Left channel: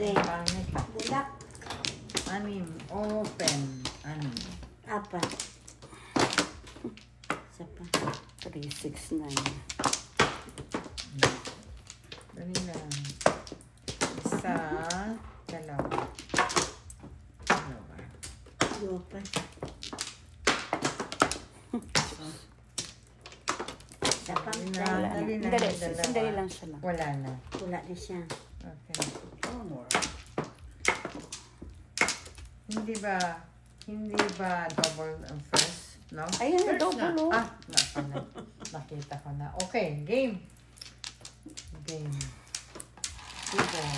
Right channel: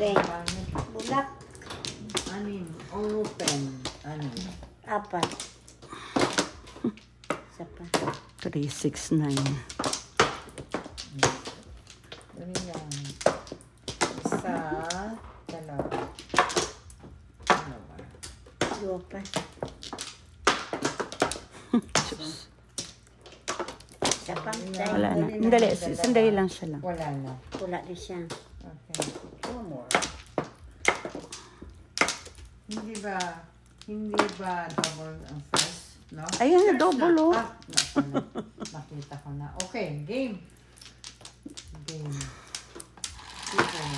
Okay. Pangit. Bulak. 6. Open. 4. Isa pa. 3, 6, 9. Dali lang. Isa. Dalawa. Lupa. Isa pa. Wala na. Sandali lang siya lang. Wala na. Wala na siya. Okay. 2 more. Hindi ba double ang first? No? Ayan na, double o. Nakita ko na. Okay, game. Game. Okay.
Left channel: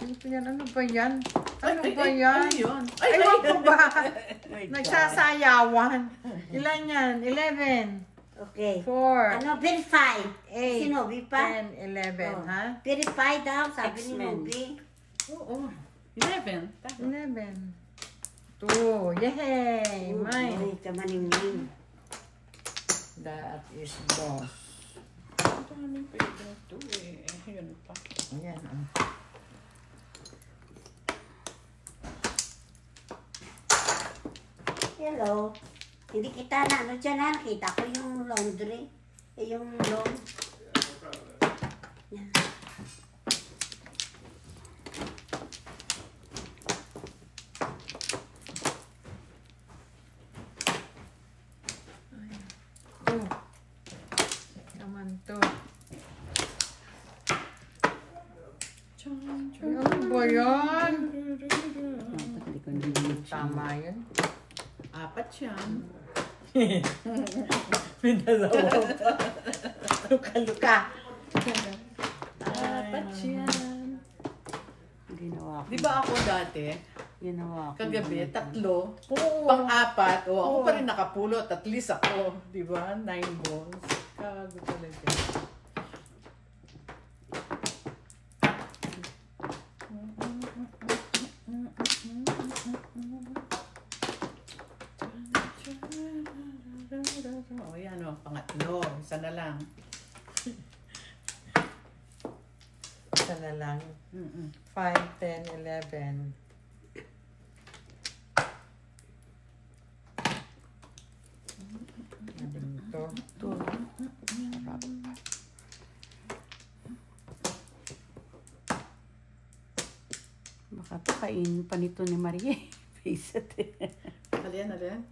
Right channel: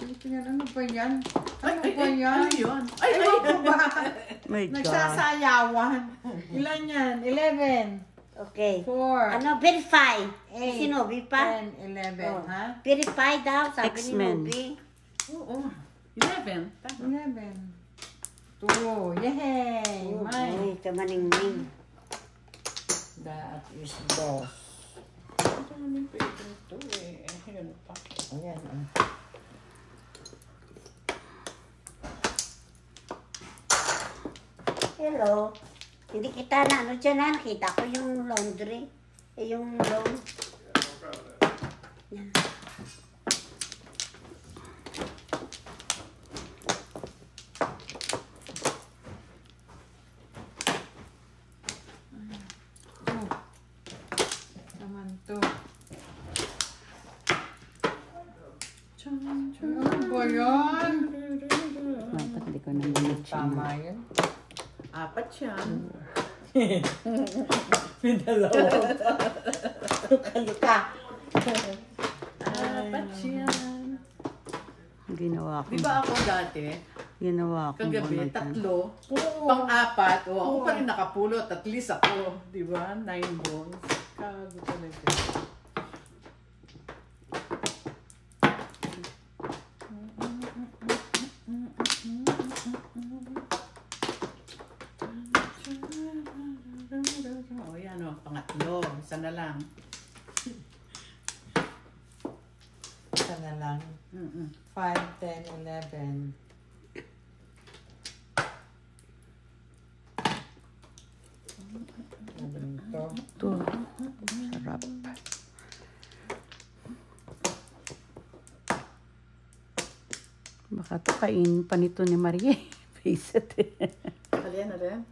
Dito yan. Ano ba yan? Ano ba yan? Ano yun? Ewan ko ba? My God. Nagsasayawan. Ilan yan? 11. Okay. 4. Ano, verify. 8. Si Nobi pa? 10, 11, ha? Verify daw, sabi ni X-Men. Nobi. Oo. 11. Tama. 11. 2. Yay! Mine. Uy, kamaningning. That is boss. Ang daming favorite to eh. Yun pa. Ayan. Hello. Hindi kita na, ano dyan na, nakita ko yung laundry. Yung lawn. Yan. Naman to. Chan, chan. Ano ba yan? Dapat hindi ko nang Tama yun. 4 yan. Luka. 4 yan. Ginawa ko. Di ba ako dati, Ginawa ko. kagabi, 3, Oo. pang-4, ako pa rin nakapulot, at least ako, di ba? 9 bones. Kago talaga. O yan o, pangatlo, isa na lang. Isa na lang. 5, 10, 11. Ito. Ito. Sarap. Baka ito kainin pa nito ni Maria. Face it. Alin?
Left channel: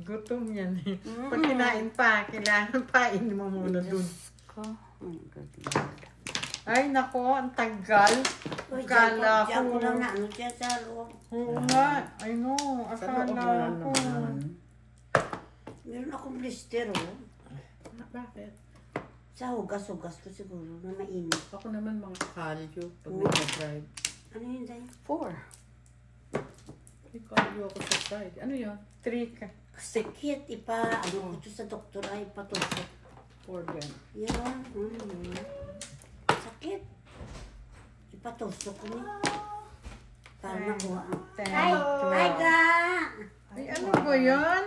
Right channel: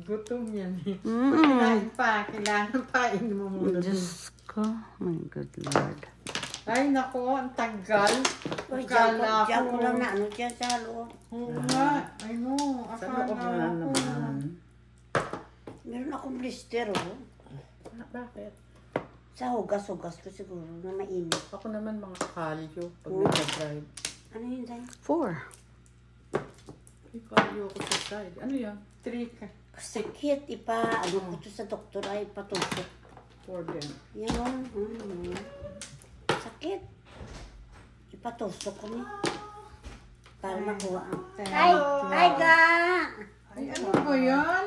Gutom yan eh. Pag kinain pa, kailangan pa, ini mo muna dun. Diyos ko. My good Lord. Ay, nako, ang tagal. Uy, Akala diyan ko ko. lang na ano dyan sa loob. Oo nga. Ay, no. Sa loob mo Akala na ko. naman. Meron akong blister, oh. Bakit? Sa hugas-hugas ko siguro na mainit. Ako naman mga kalyo pag Oo. nag-drive. Ano yun, Day? 4. May kalyo ako sa side. Ano yan? 3 ka. Sakit, ano ko ito sa doktor ay patusok. 4 din. Yan, sakit. Ipatusok ko ni. Para makuha. Ay, ay ga! Ay, ano ba yan?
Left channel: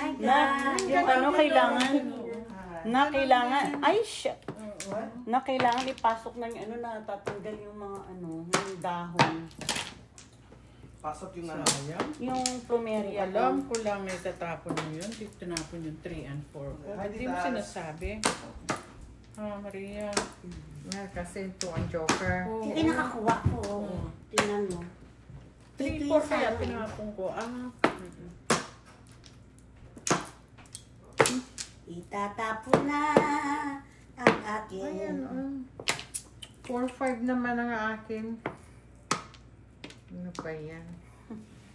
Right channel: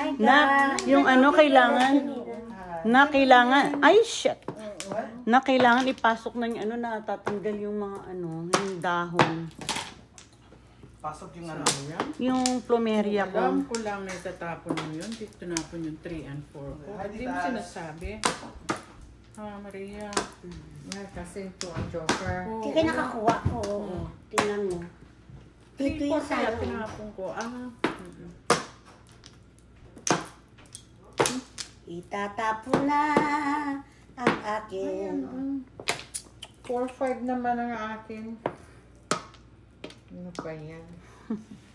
Ay ga! Yung ano kailangan. Ay, shit. Na kailangan ipasok na yung ano na tatanggal yung mga ano, yung dahon. Pasok yung Sayang. Yung Kung plumeria alam ko lang na itatapon mo yun, dito tinapon yung 3 and 4 ko. Hindi mo sinasabi. Maria. Nga, kasi ito ang joker. Hindi ka nakakuha ko. Tingnan mo. 3, 4 kaya tinapon ko. Itatapon na ang akin. 4-5 naman ang akin. Ano pa yan?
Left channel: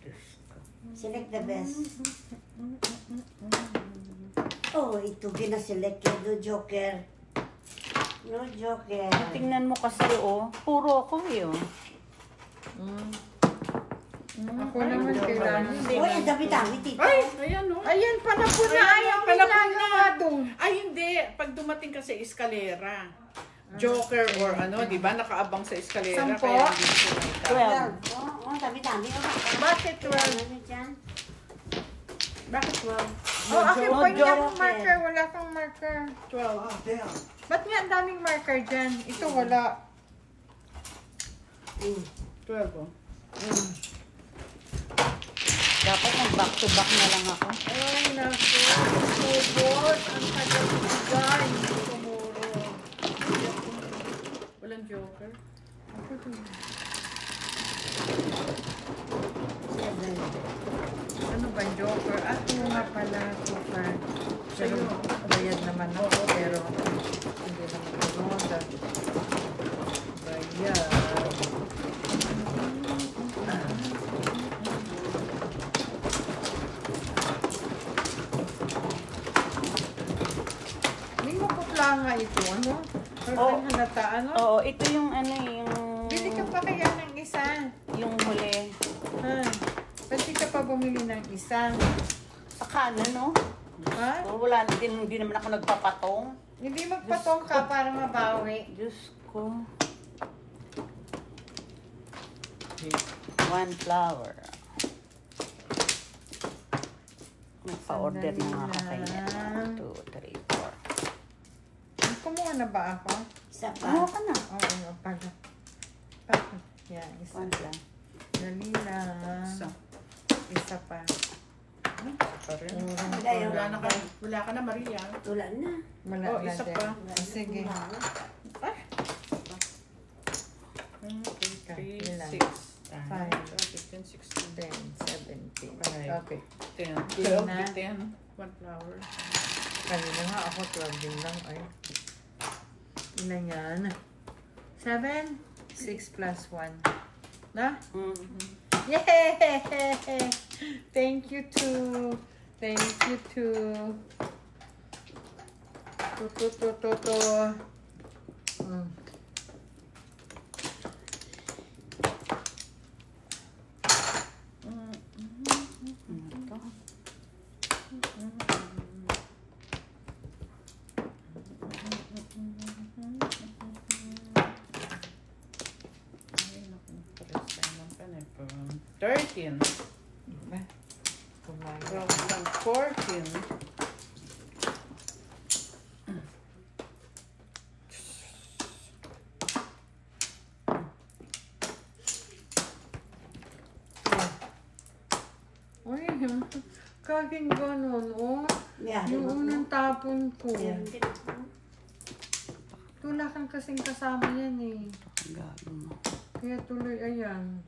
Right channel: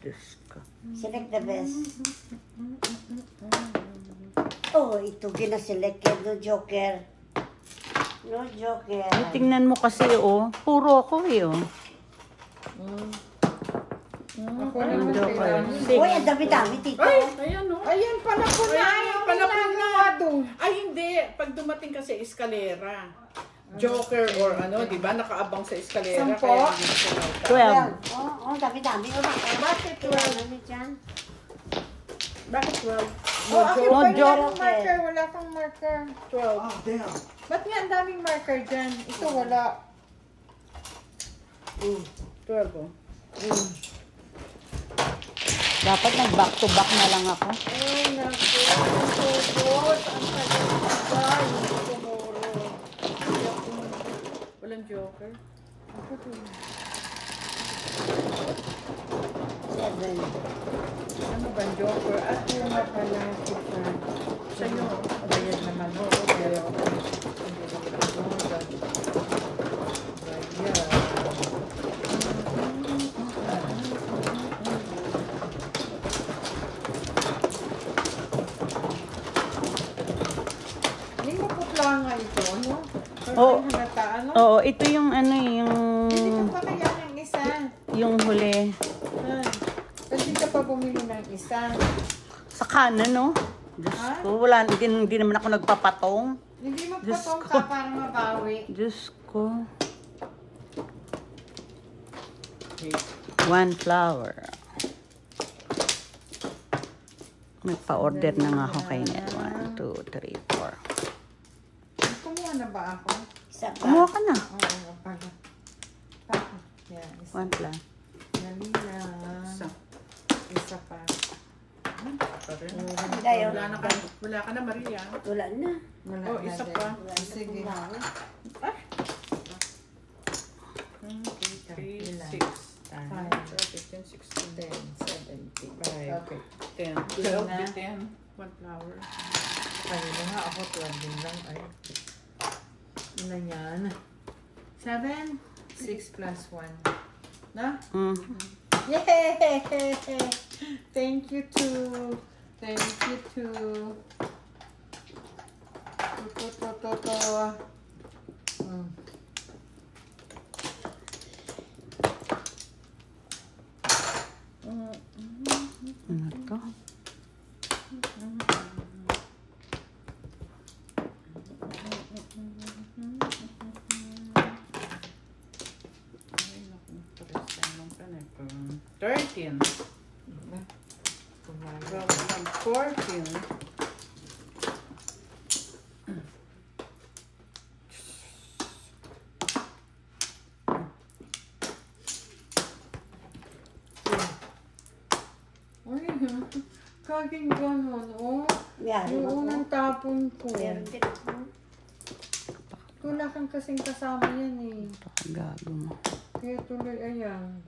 Diyos ko. Select the best. Oh, ito gina-select yan. No joker. No joker. Tingnan mo kasi oh, puro ako eh oh. Ako naman kailangan. Uy, ang dami-dami dito. Ay! Ayan o. Ayan, panapon na. Ayan, panapon na. doon. Ay, hindi. Pag dumating ka sa eskalera, joker or ano, di ba? Nakaabang sa eskalera. 10. Kaya hindi ko nakita. 12. Oh, dami-dami. Bakit Ano dyan? Bakit 12? Oh, akin No pa yun joke. akong marker. Wala kang marker. 12. Ah, damn. Ba't nga ang daming marker dyan? Ito wala. 12 oh. Dapat mag-back to back na lang ako. Ay, naku. Tubot. Ang tagal. Tumuro. Walang joker. Seven. Ano ba yung joker? At yung nga pala, super. Sa'yo. Weird naman. Oo, pero. Hindi mo putla nga ito, ano? Oo. Ang halata, ano? Oo, ito yung ano Bili ka pa kaya ng isa. yung huli. Pwede ka pa bumili ng isa. Sa kanan, no? Ha? Wala, hindi naman ako nagpapatong. Hindi magpatong ka para mabawi. Diyos ko. 1 flower. Nagpa-order na nga ako kanya. 1, 2, 3, 4. Kumuha na ba ako? Isa Kumuha pa. ka na. Oo, pag. Yan, isa. 1 lang. Dali lang. Isa. Isa pa. Pa rin. Gayo. Wala ka na, Maria. Wala na. Wala Oh, na isa din. pa. Sige. 3, 6, 5, 15, 16, 10, 17. 5, Okay. 10, Yun 12, na. 10, 1 flower. Kanina nga ako 12 din lang. Ay. Ina yan. 7, 6 plus 1. Na? Yay! Thank you too. Thank you too. To. Ano to? Ay, naku, pares tayo ng panepo. 13, 12, 14, Uy, kaging ganon, oh. Yan. Yung unang tapon ko. Meron din ako. Wala kang kasing kasama yan eh. Gago mo. Kaya tuloy, ayan.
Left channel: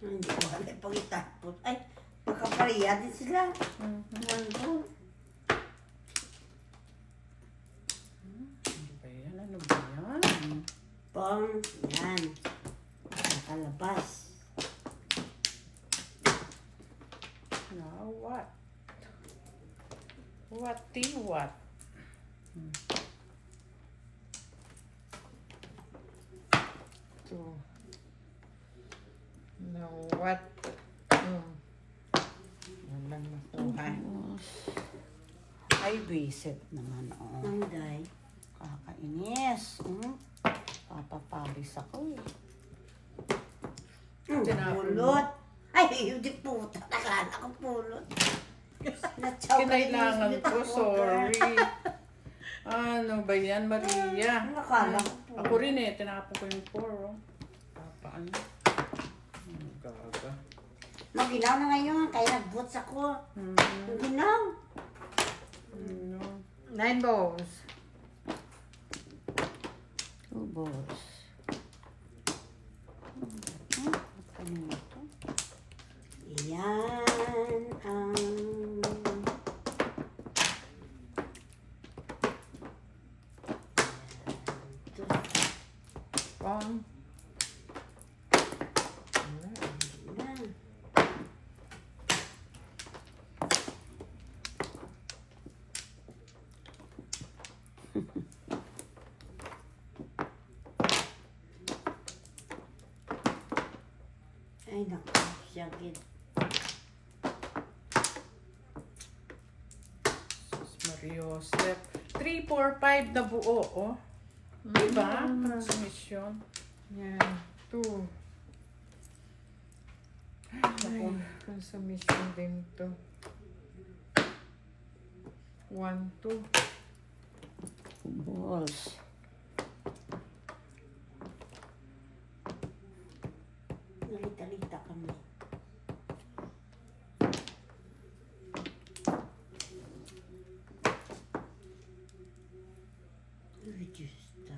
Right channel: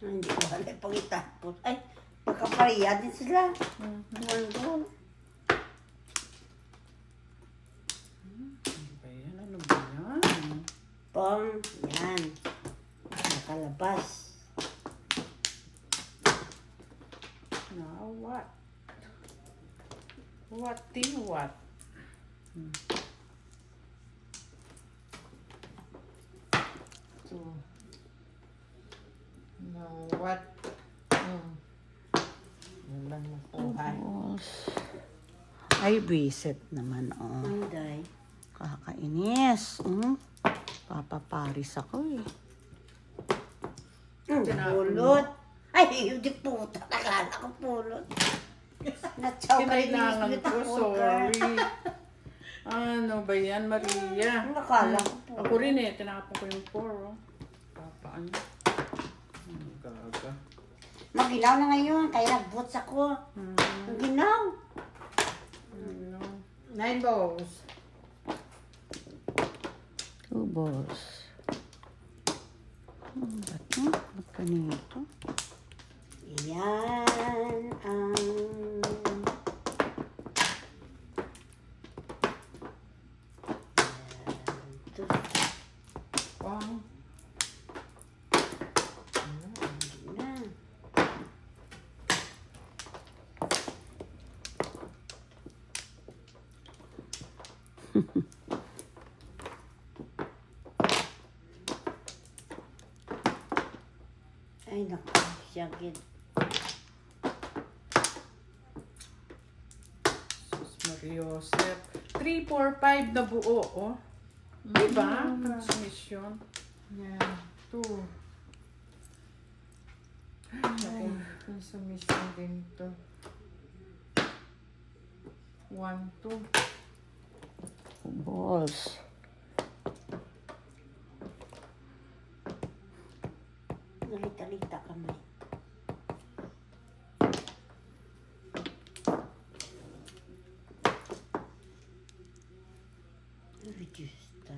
Hindi ko alam pang itapos. Ay, magkapariya din sila. Mhm. Nandun. Ano ba yan? Ano ba yan? Pong, yan. Nakalabas. Now what? What the what? So, now what? Walang makuha. Ay, visit naman, oh. Manday. Kakainis. Papaparis ako eh. Tinapon mo. Pulot. Ay, hindi puta. Nakala ko pulot. Kinailangan ko, sorry. Ano ba yan, Maria? Nakala ko pulot. Ako rin eh, tinapon ko yung 4, oh. Papaano? Ano gaga? Maginaw na ngayon. Kaya nag-boots ako. Maginaw. Ano? 9 balls. 2 balls. Kanina to? Yan ang... Pong. Yan. Ay, naku. Siya gid. Mariosep. 3, 4, 5 na buo, oh. Diba? Transmission. Yan. 2. Ay, consumption din to. 1, 2. Balls. Nalita-lita kami. Justa.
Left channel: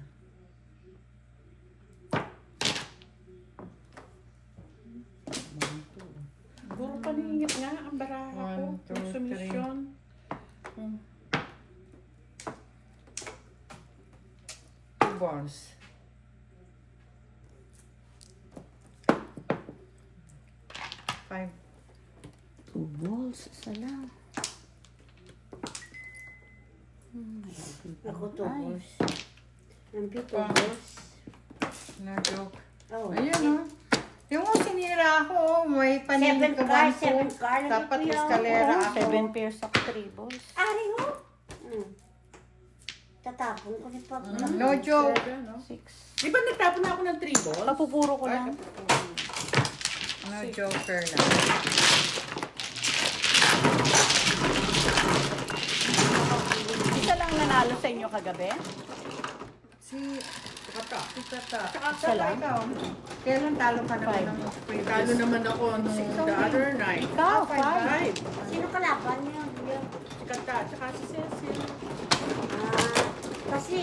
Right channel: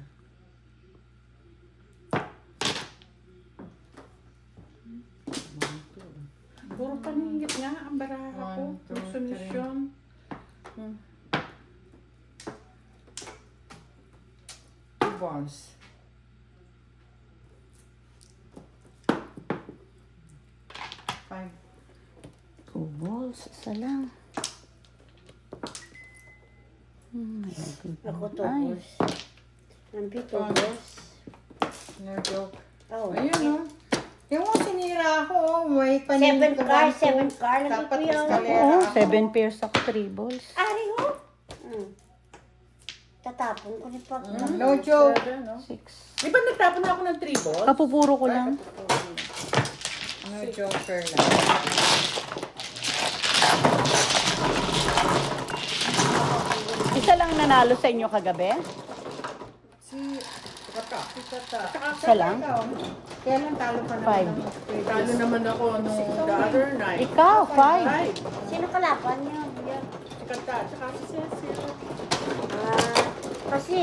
Puro paningit nga ang baraha ko. 1, 2, 3. Consumption. 2 balls. Five. 2 balls. Isa lang. Ako tubos. Nampi tubos. No joke. Oh. Ayun, oh. Yung sinira ako, oh. May paningin 7 car, 7 car. Dapat Nagpipiyaw. eskalera Oh, ako. 7 pairs ako, 3 balls. Ari ho. Tatapon ko ni Pag. No joke. 7, no? 6. Di ba nagtapon na ako ng 3 balls? Kapupuro ko lang. No joker lang. Isa lang nanalo sa inyo kagabi? Kata. Isa lang? Kaya lang talo ka naman ng Talo naman ako nung the other night. Ikaw, 5. 5. Sino kalaban niya? Si Kata, tsaka si Cecil. Kasi,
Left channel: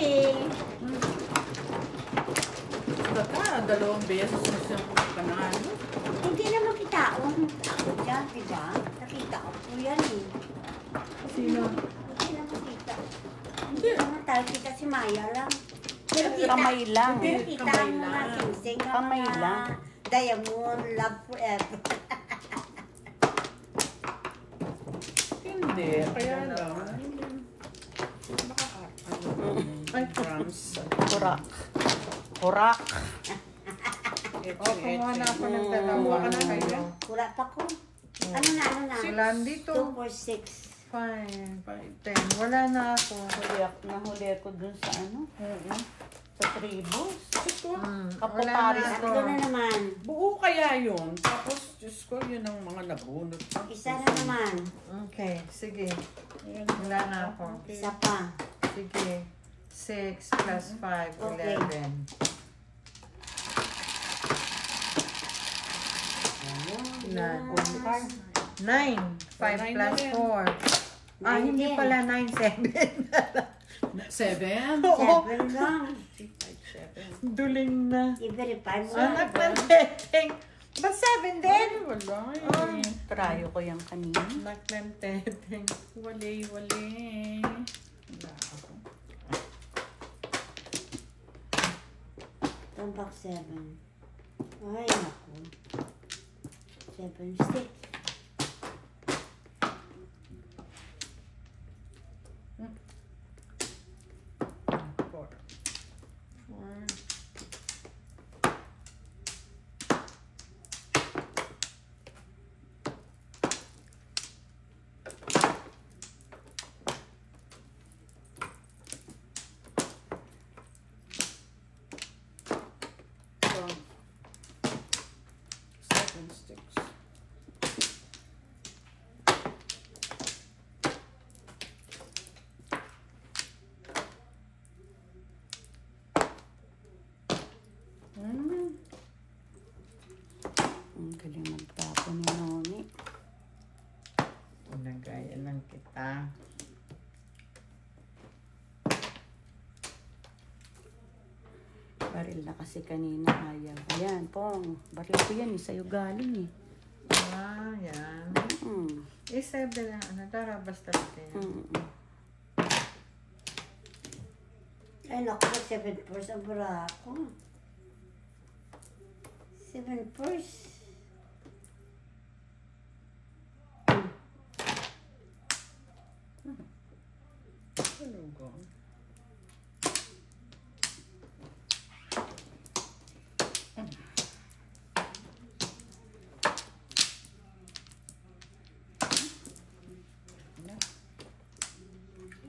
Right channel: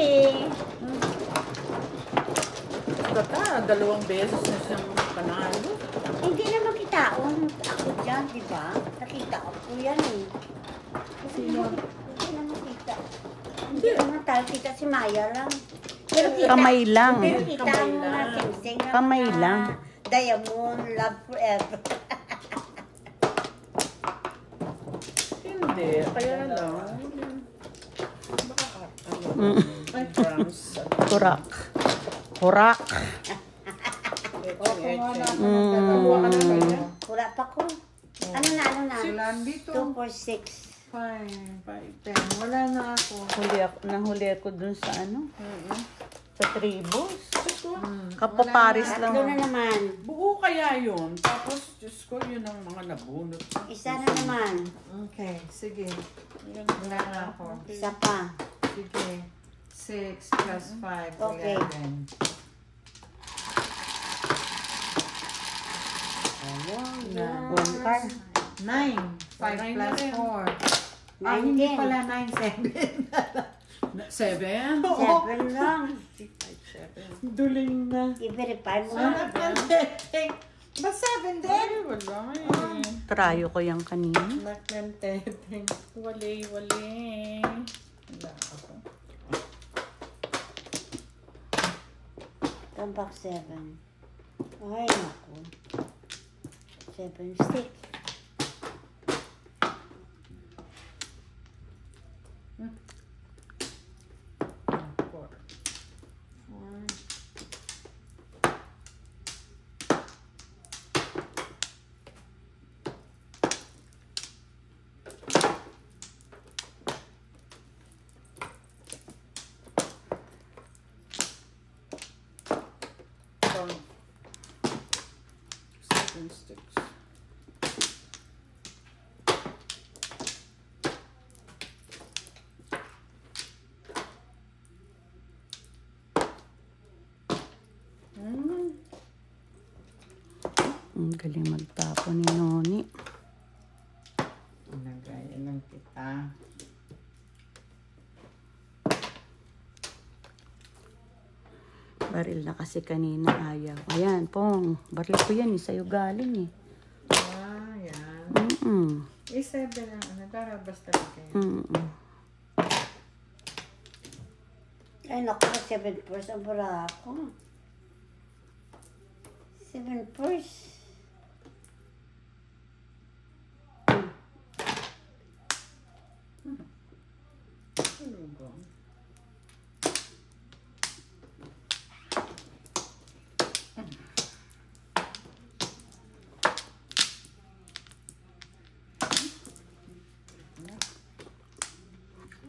Kata, 2 beses na siyang panalo. hindi naman kita ako dyan, di ba? Nakita ko po yan eh. Sino? Hindi naman kita. Hindi. Hindi naman tayo kita si Maya lang. Pero kita, Kamay lang. Pero kita Kamay ang mga lang. singsing na Kamay mga lang. Diamond, Love Forever. Hindi. Kaya lang. Baka drums. Hurak. Hurak. kumuha na ako ng Kumuha ka na kaya? Wala pa ko. Ano na? Silan dito. 2, 4, 6. 5, 10. Wala na ako. Nahuli ako dun sa ano? Sa 3 balls. Wala Kapaparis na na. Ano na naman? Buo kaya yun. Tapos, Diyos ko, yun ang mga nabunot. Isa na naman. Okay, sige. Ayan. Wala na ako. Isa pa. Sige. 6 plus 5, Okay. 11. Na, 9. 5 Nine plus na rin. 4. Ah, hindi 9 pala 9, 7. 7? 7 lang. 7. Duling na. I-verify mo. Ba't 7 din? Ay, wala eh. Trayo ko yung kanina. Magmenteteng. Wali. Wala ako. Tambak 7. Ay, naku. 7 stick. Four. So, 7 sticks. Ang galing magtapon ni Noni. Nagaya ng kita. Baril na kasi kanina ayaw. Ayan, Pong. Baril ko yan. Sa'yo galing eh. Ah, yan. Mm-mm. 7 lang. Ano, tara, basta natin. Mm-mm. Ay, naku. 7 purse ang bara ako. 7 purse. Ano ba?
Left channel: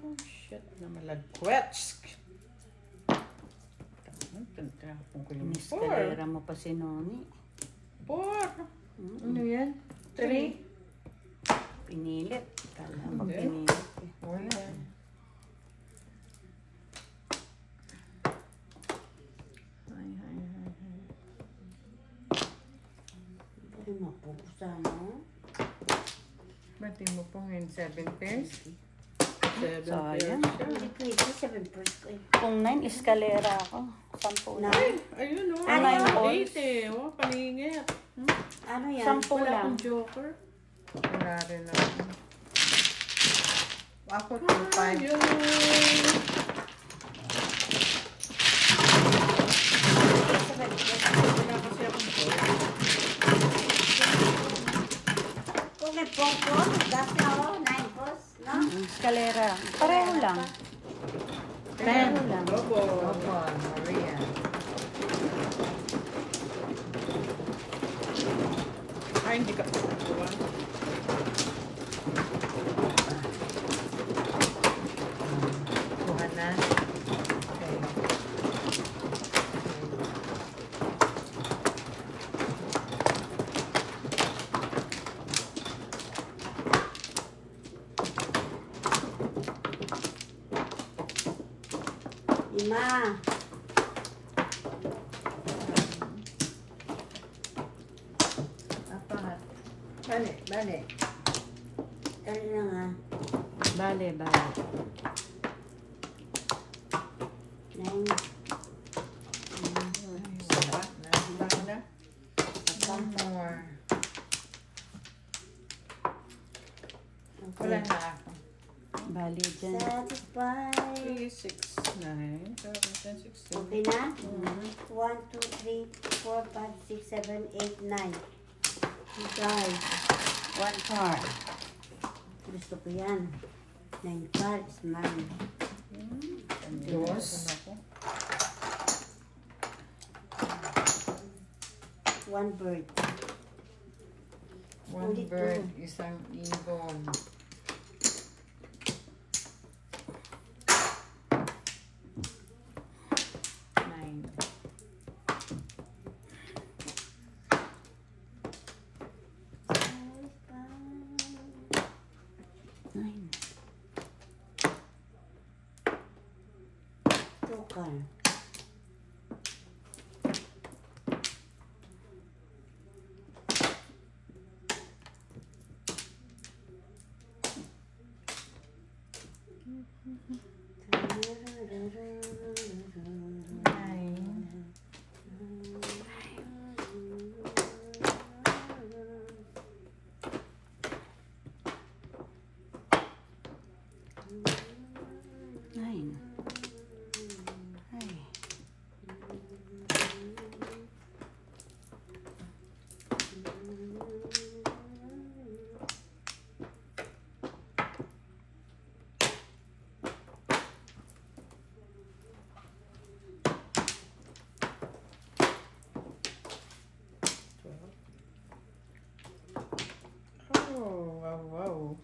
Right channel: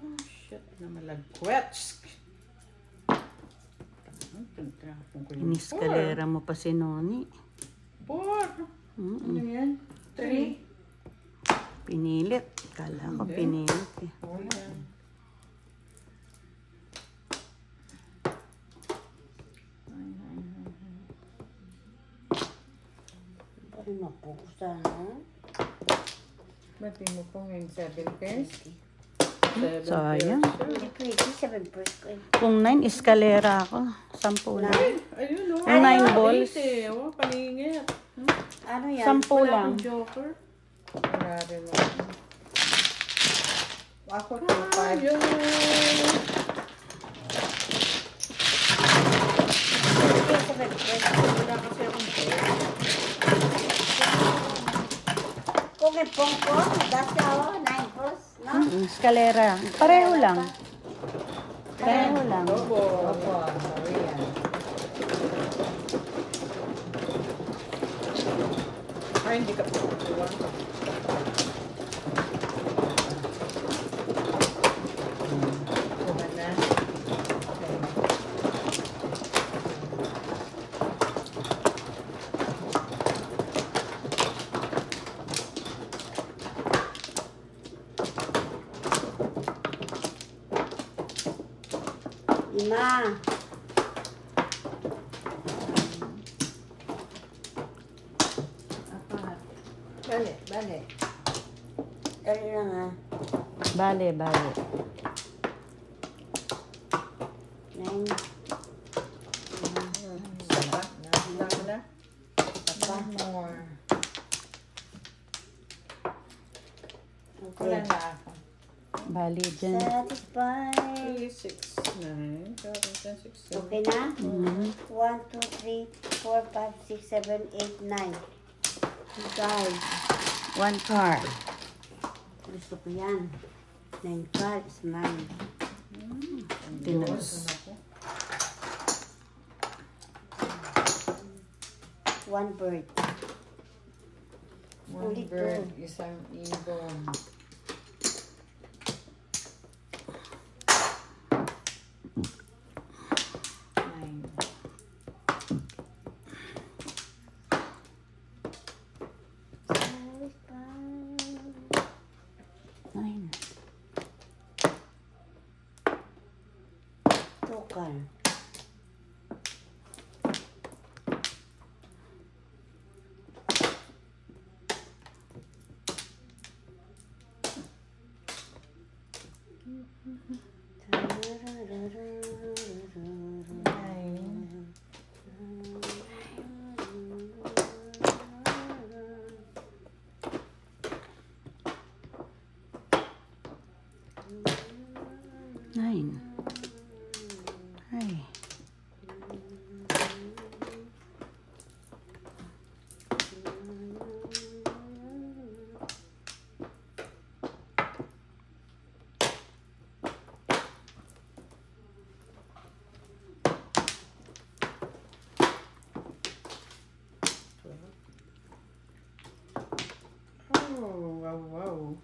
Oh, shit na malagkwets. Tinapon ko yung 4. Iniskalera mo pa si Noni. 4. Ano yan? 3. Pinilit. Kala ko Hindi. pinilit eh. Oh, yan. Ano na po? Sana? Mati mo po ngayon 7 pairs. 7 Sayang. pairs siya. Hindi pwede. 7 first ko. Kung 9, eskalera ako. 10 lang. Ayun o. Ano yung balls? 8 eh. Oh, palingit. Ano yan? 10 Wala lang. akong joker. Wala rin ako. Ako 2, 5. Ayun. Seven first. Wala kasi akong joker. Kung may pungko, dati ako, 9 first. No? Eskalera. Pareho lang. Pareho lang. Lobo. Opo, Maria. Ay, hindi ka pupuwa. Kuha na. Lima. Apat. Bale, bale. Ano na nga? Bale, bale. 9. Saba. Dami na. One more. Okay. Wala na ako. Bale dyan. Satisfied. 3, 6, 9, 7, 10, 16. Okay na? 1, 2, 3, 4, 5, 6, 7, 8, 9. Guys, 1 card. gusto ko yan. 9 cards, 9. Dos. Ako. 1 bird. One Ulit bird, to. isang ibon. Nine. Nine. Tukal. Nine. Nine. Ay. Oh, wow, wow.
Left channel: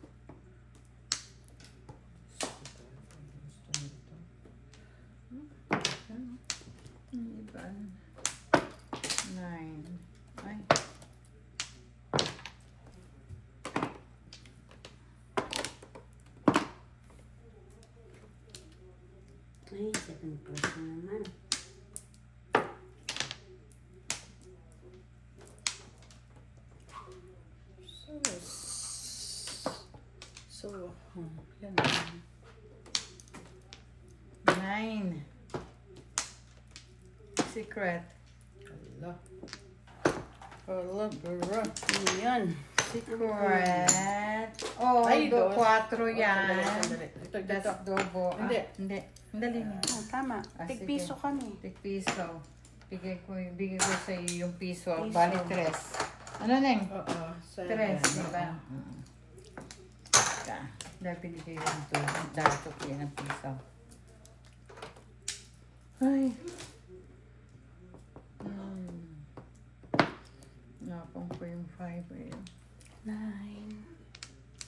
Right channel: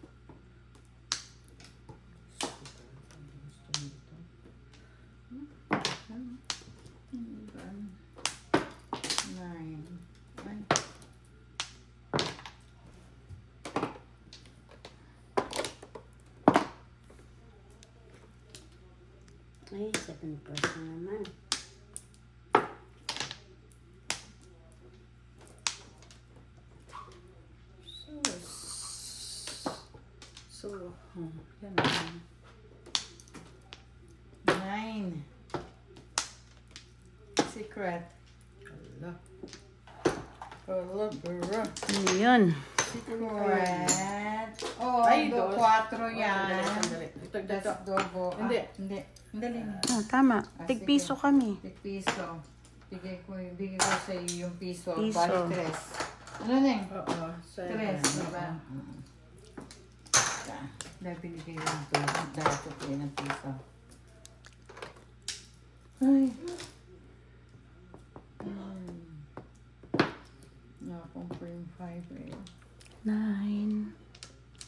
Nine. Ay. Ay, 7 birds na naman. Yan. Nine. Secret. Ala. Ala, girl. Yun. Secret. Oh, Ay, do dos. 4 yan. Sandali. Ito, dito. Das dobo. Hindi. Hindi. Dali na. Ah, tama. Ah, Tigpiso sige. kami. Piso. Bigay ko sa iyo yung piso. Piso. Bali 3. Ano na yun? Oo, 7. 3, diba? Dahil pinigay yung dapat yan ang piso. Ay. Napang po yung 5 eh. 9.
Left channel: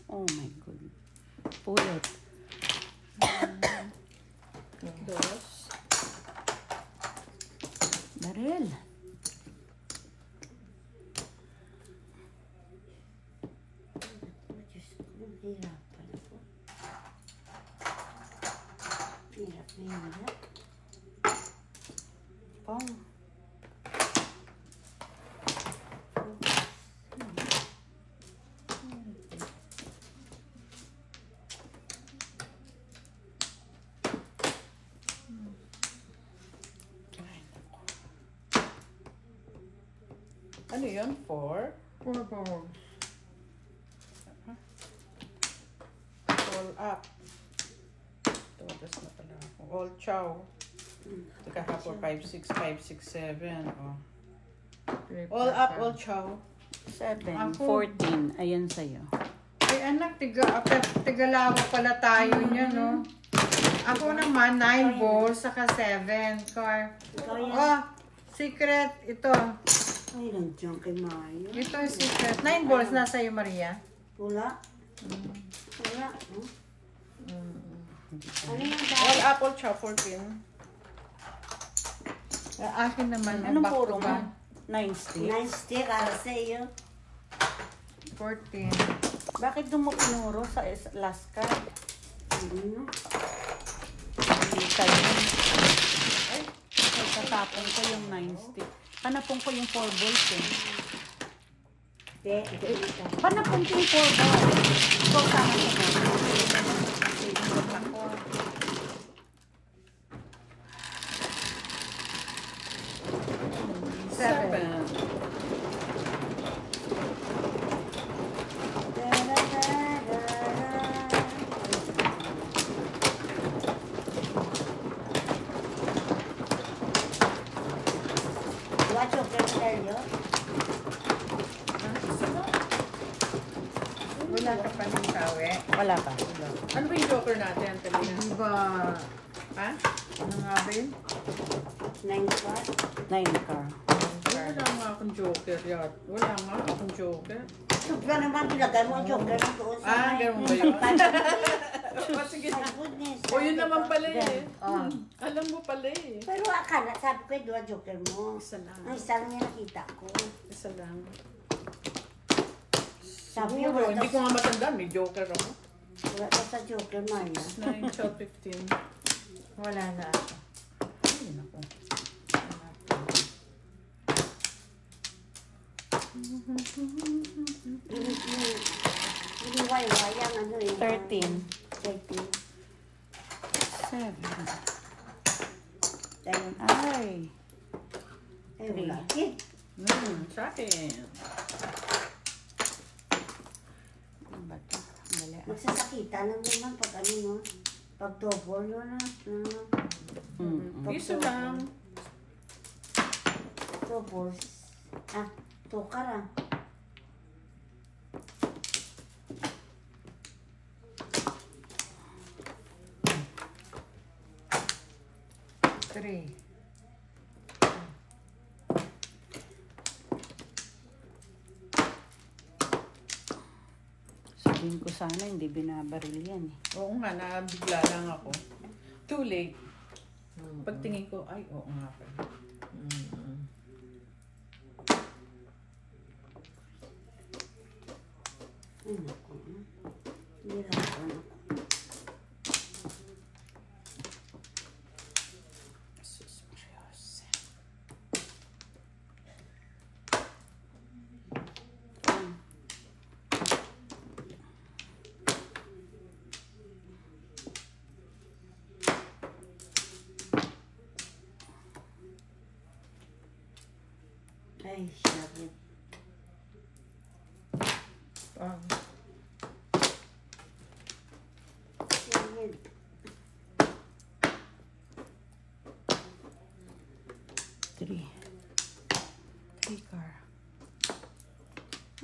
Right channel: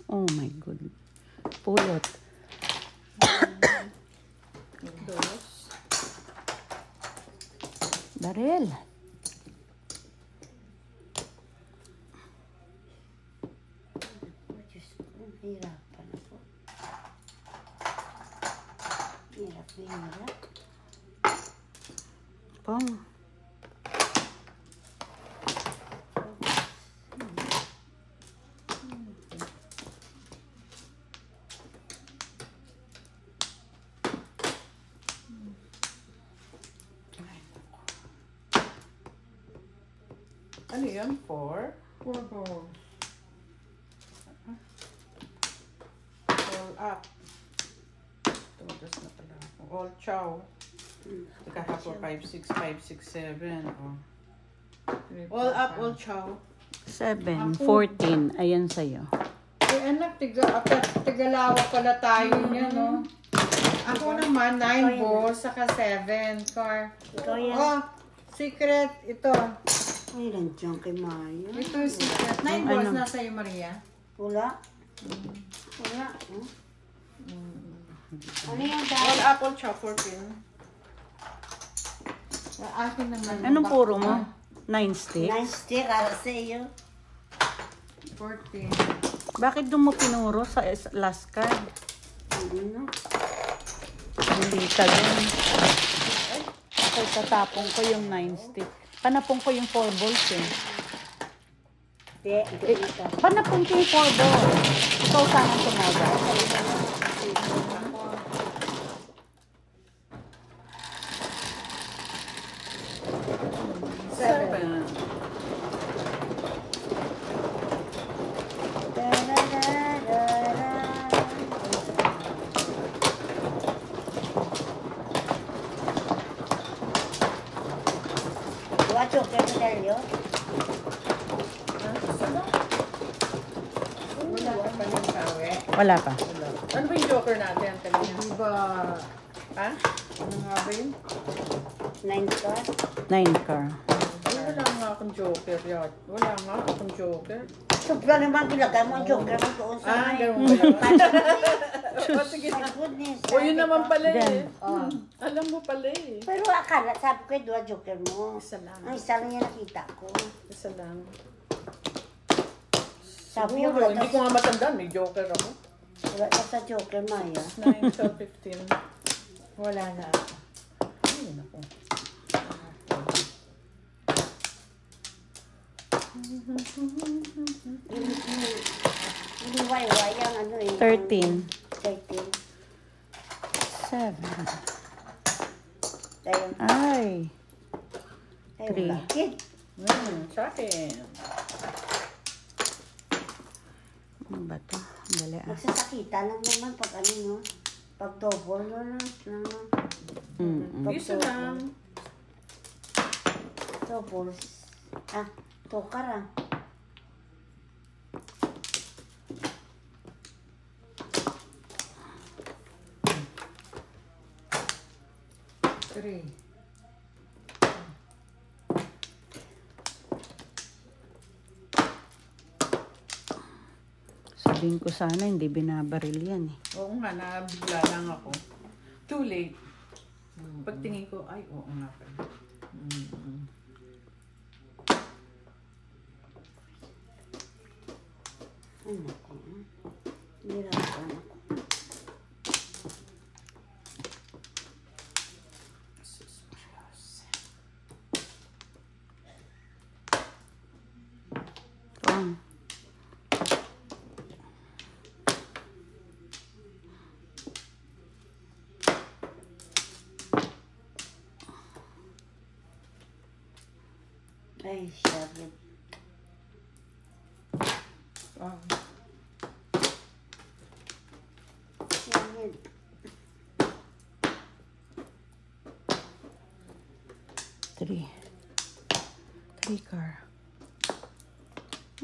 Oh my God. Pulot. Dos. Baril. pa. Ano yun? 4? 4 balls. All up. Ito, das na pala ako. All chow. Teka ha po, 5, 6, 5, 6, 7. Oh. All up, all chow. 7, Ako. 14. Ayan sa'yo. Eh anak, tigalawa pala tayo niya, no? Ako naman, 9 balls, saka 7. Car. Ikaw yan. Oh, secret. Ito. Ay, nandiyan kay Maya. Ito yung secret. 9 balls nasa iyo, Maria. Wala. Wala. Ano yan? All up, all chow, 14. Akin naman. Anong back puro to mo? 9 sticks? Nice stick, para sa iyo. 14. Bakit doon mo pinuro sa last card? Ano? Hindi talaga. Ay, ako tatapon ko yung 9 stick. Panapon ko yung 4 balls eh. Hindi ka. Panapon ko yung 4 balls. So, saan ang tumaga? 7. Watch your Talia. Wala ka pa ng tawe. Wala pa. Ano ba yung joker natin, kanina? Di ba? Ha? Ano nga rin? 9 ka. 9 car. Ay, wala nga akong joker yat. Wala nga akong joker. Sobra naman pinagay mo ang joker ng doon sa Ah, ganun ba yun? O, sige. My goodness. O, yun naman pala eh. Oh. Alam mo pala eh. Pero akala, sabi ko, dua joker mo. Isa lang. Ang isa lang yung nakita ko. Isa lang. Sabi ko, Siguro, hindi ko nga matandaan. May joker ako. wala ka sa joker, Maya. 9, 12, 15. Wala na. Ay, naku. Yung waywayang ano eh. 13. 13. 7. Ayun. Ay. Ayun lang. Kid. Sa akin. Ano ba ito? Dali ah. Magsasakita lang naman pag ano no. Pag double no. Piso lang. Doubles. Ah, tukar ah. Three. Sabihin ko sana hindi binabaril yan eh. Oo nga, nabigla lang ako. Too late. Pagtingin ko, ay, oo nga pala. Ay naku. Nirapan ako. Ay, syari. Oh. Syari. Three car.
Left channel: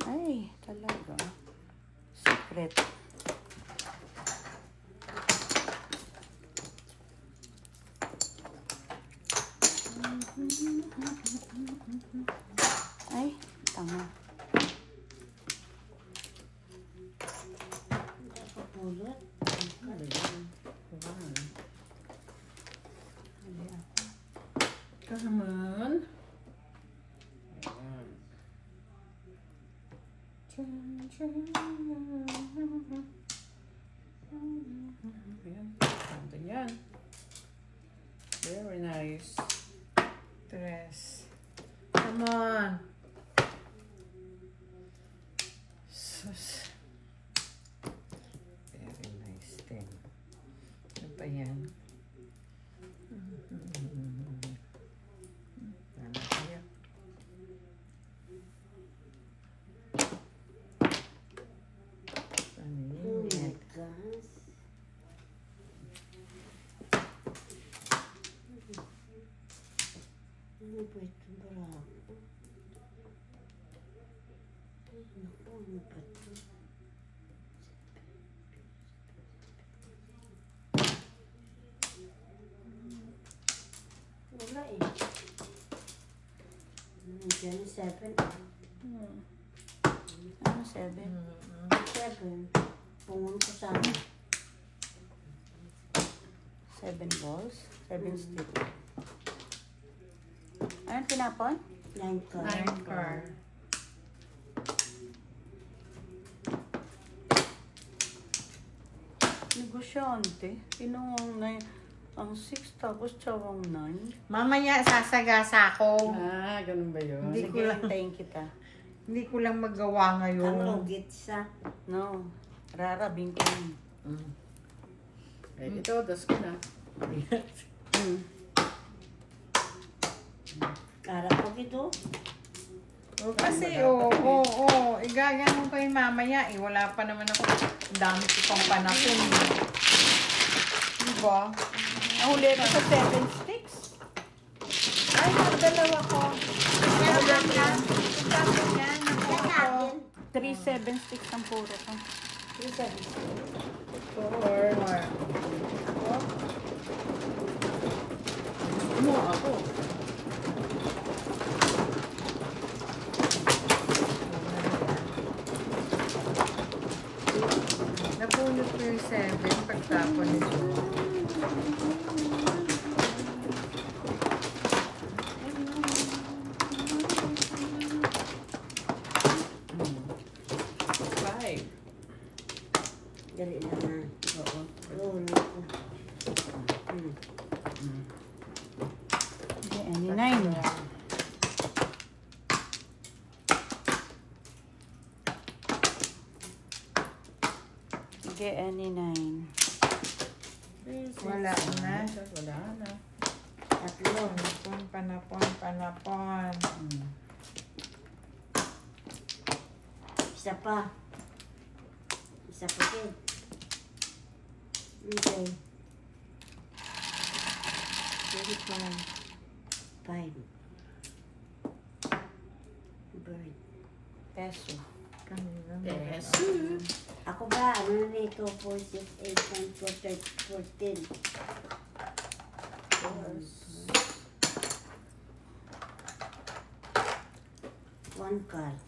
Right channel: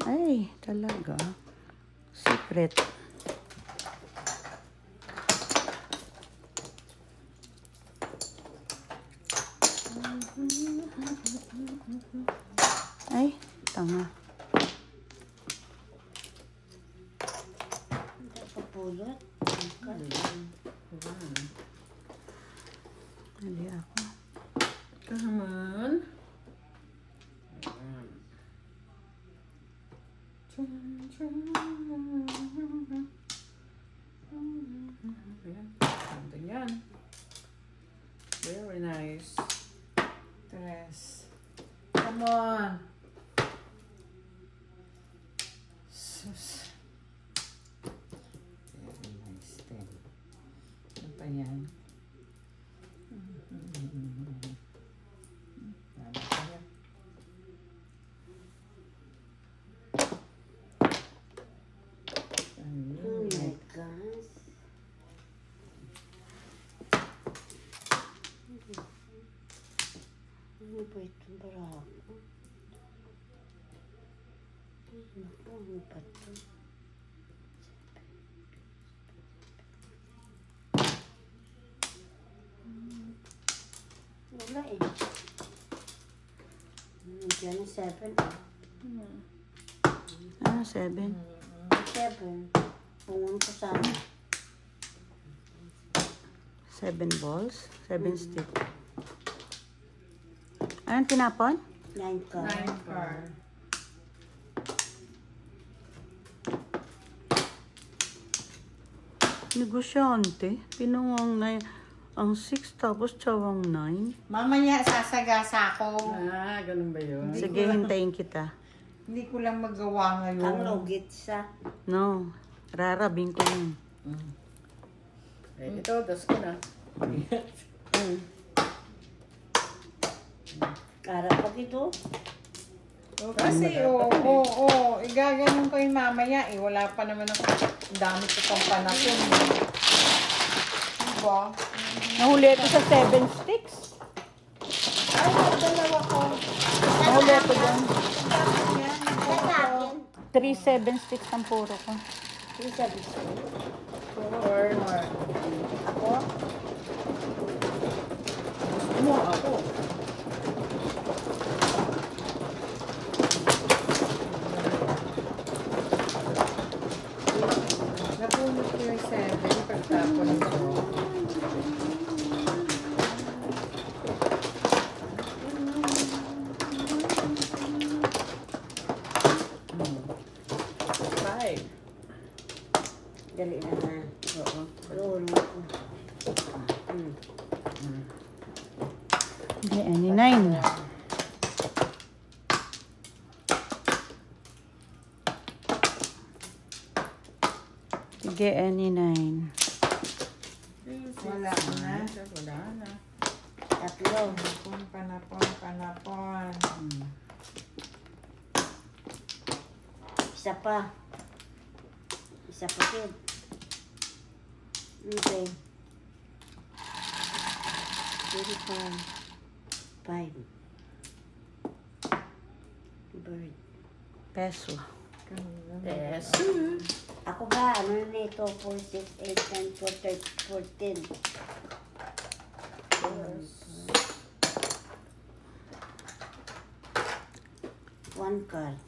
Ay, talaga. Secret. Ay, tama. Kapulot. Hindi ako. Come on. Ayan. Ayan. Ganda yan. Very nice. 13. Come on. Sus. Very nice thing. Ano pa yan? Ano pa yan? Oh my gosh. Ano ba ito? Barako. Ano ba ito? Wala eh. Diyan 7. Ano, 7? 7. Pungon ko sana. 7 balls? 7 stick. Anong tinapon? 9 ka. 9 card. Negosyante. Pinungang na ang 6 tapos tsawang 9. Mamaya sasagasa ako. Ah, ganun ba yun? Sige, hintayin kita. Hindi ko lang magawa Ang ngayon. ugit sa. No, rarabing ko na. Eh, ito, das ko na. Kara pa ito. Kasi, oo, igaganon ko yung mamaya. Eh, wala pa naman ako. Ang dami ko pang panapon. Diba? Nahuli ito sa 7 sticks. Ay, magdalawa ko. Nahuli ito yan. Kailangan. 3 7 sticks ang puro ko. Sabi ko. 4. Ako. Mo, ako. Napulot ko yung 7 pagtapon nito. Dali na na. Oo. Doon. Okay, any 9. Sige, any 9. Wala na. Wala na. Tatlo. Panapon. Isa pa. Isa pa kid. Okay. 5. Bird. Peso. Peso. Ako ba? Ano na ito? 4, 6, 8, 9, 12, 13, 14. 1 card.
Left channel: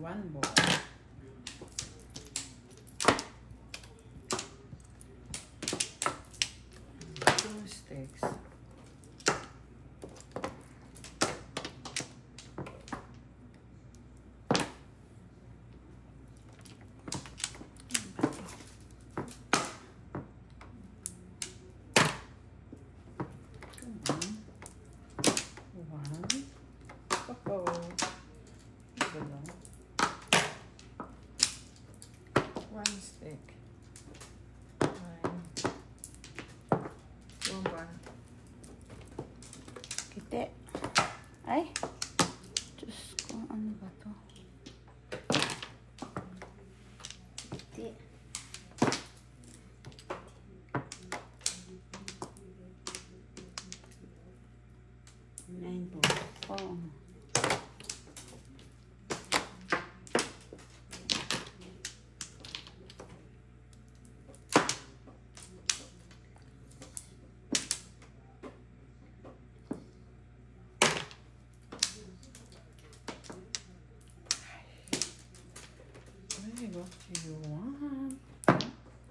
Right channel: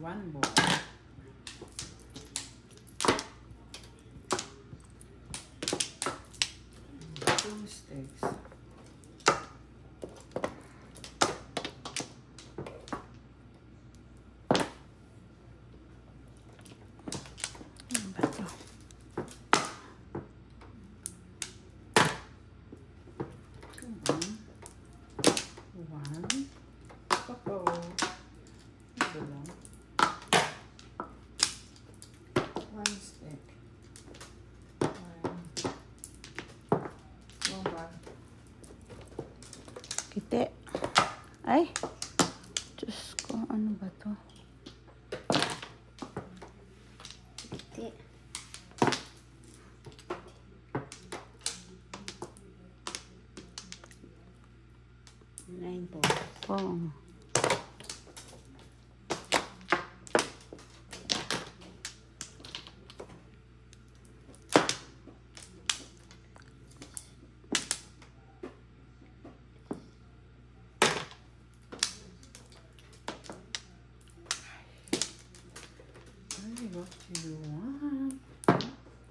One ball. Two sticks. One. Uh-oh. Ito lang. 1 stick. Bomba. Kite. Ay. Diyos ko, ano ba to? Iti. Nine balls. Oh. Ay, what do you want?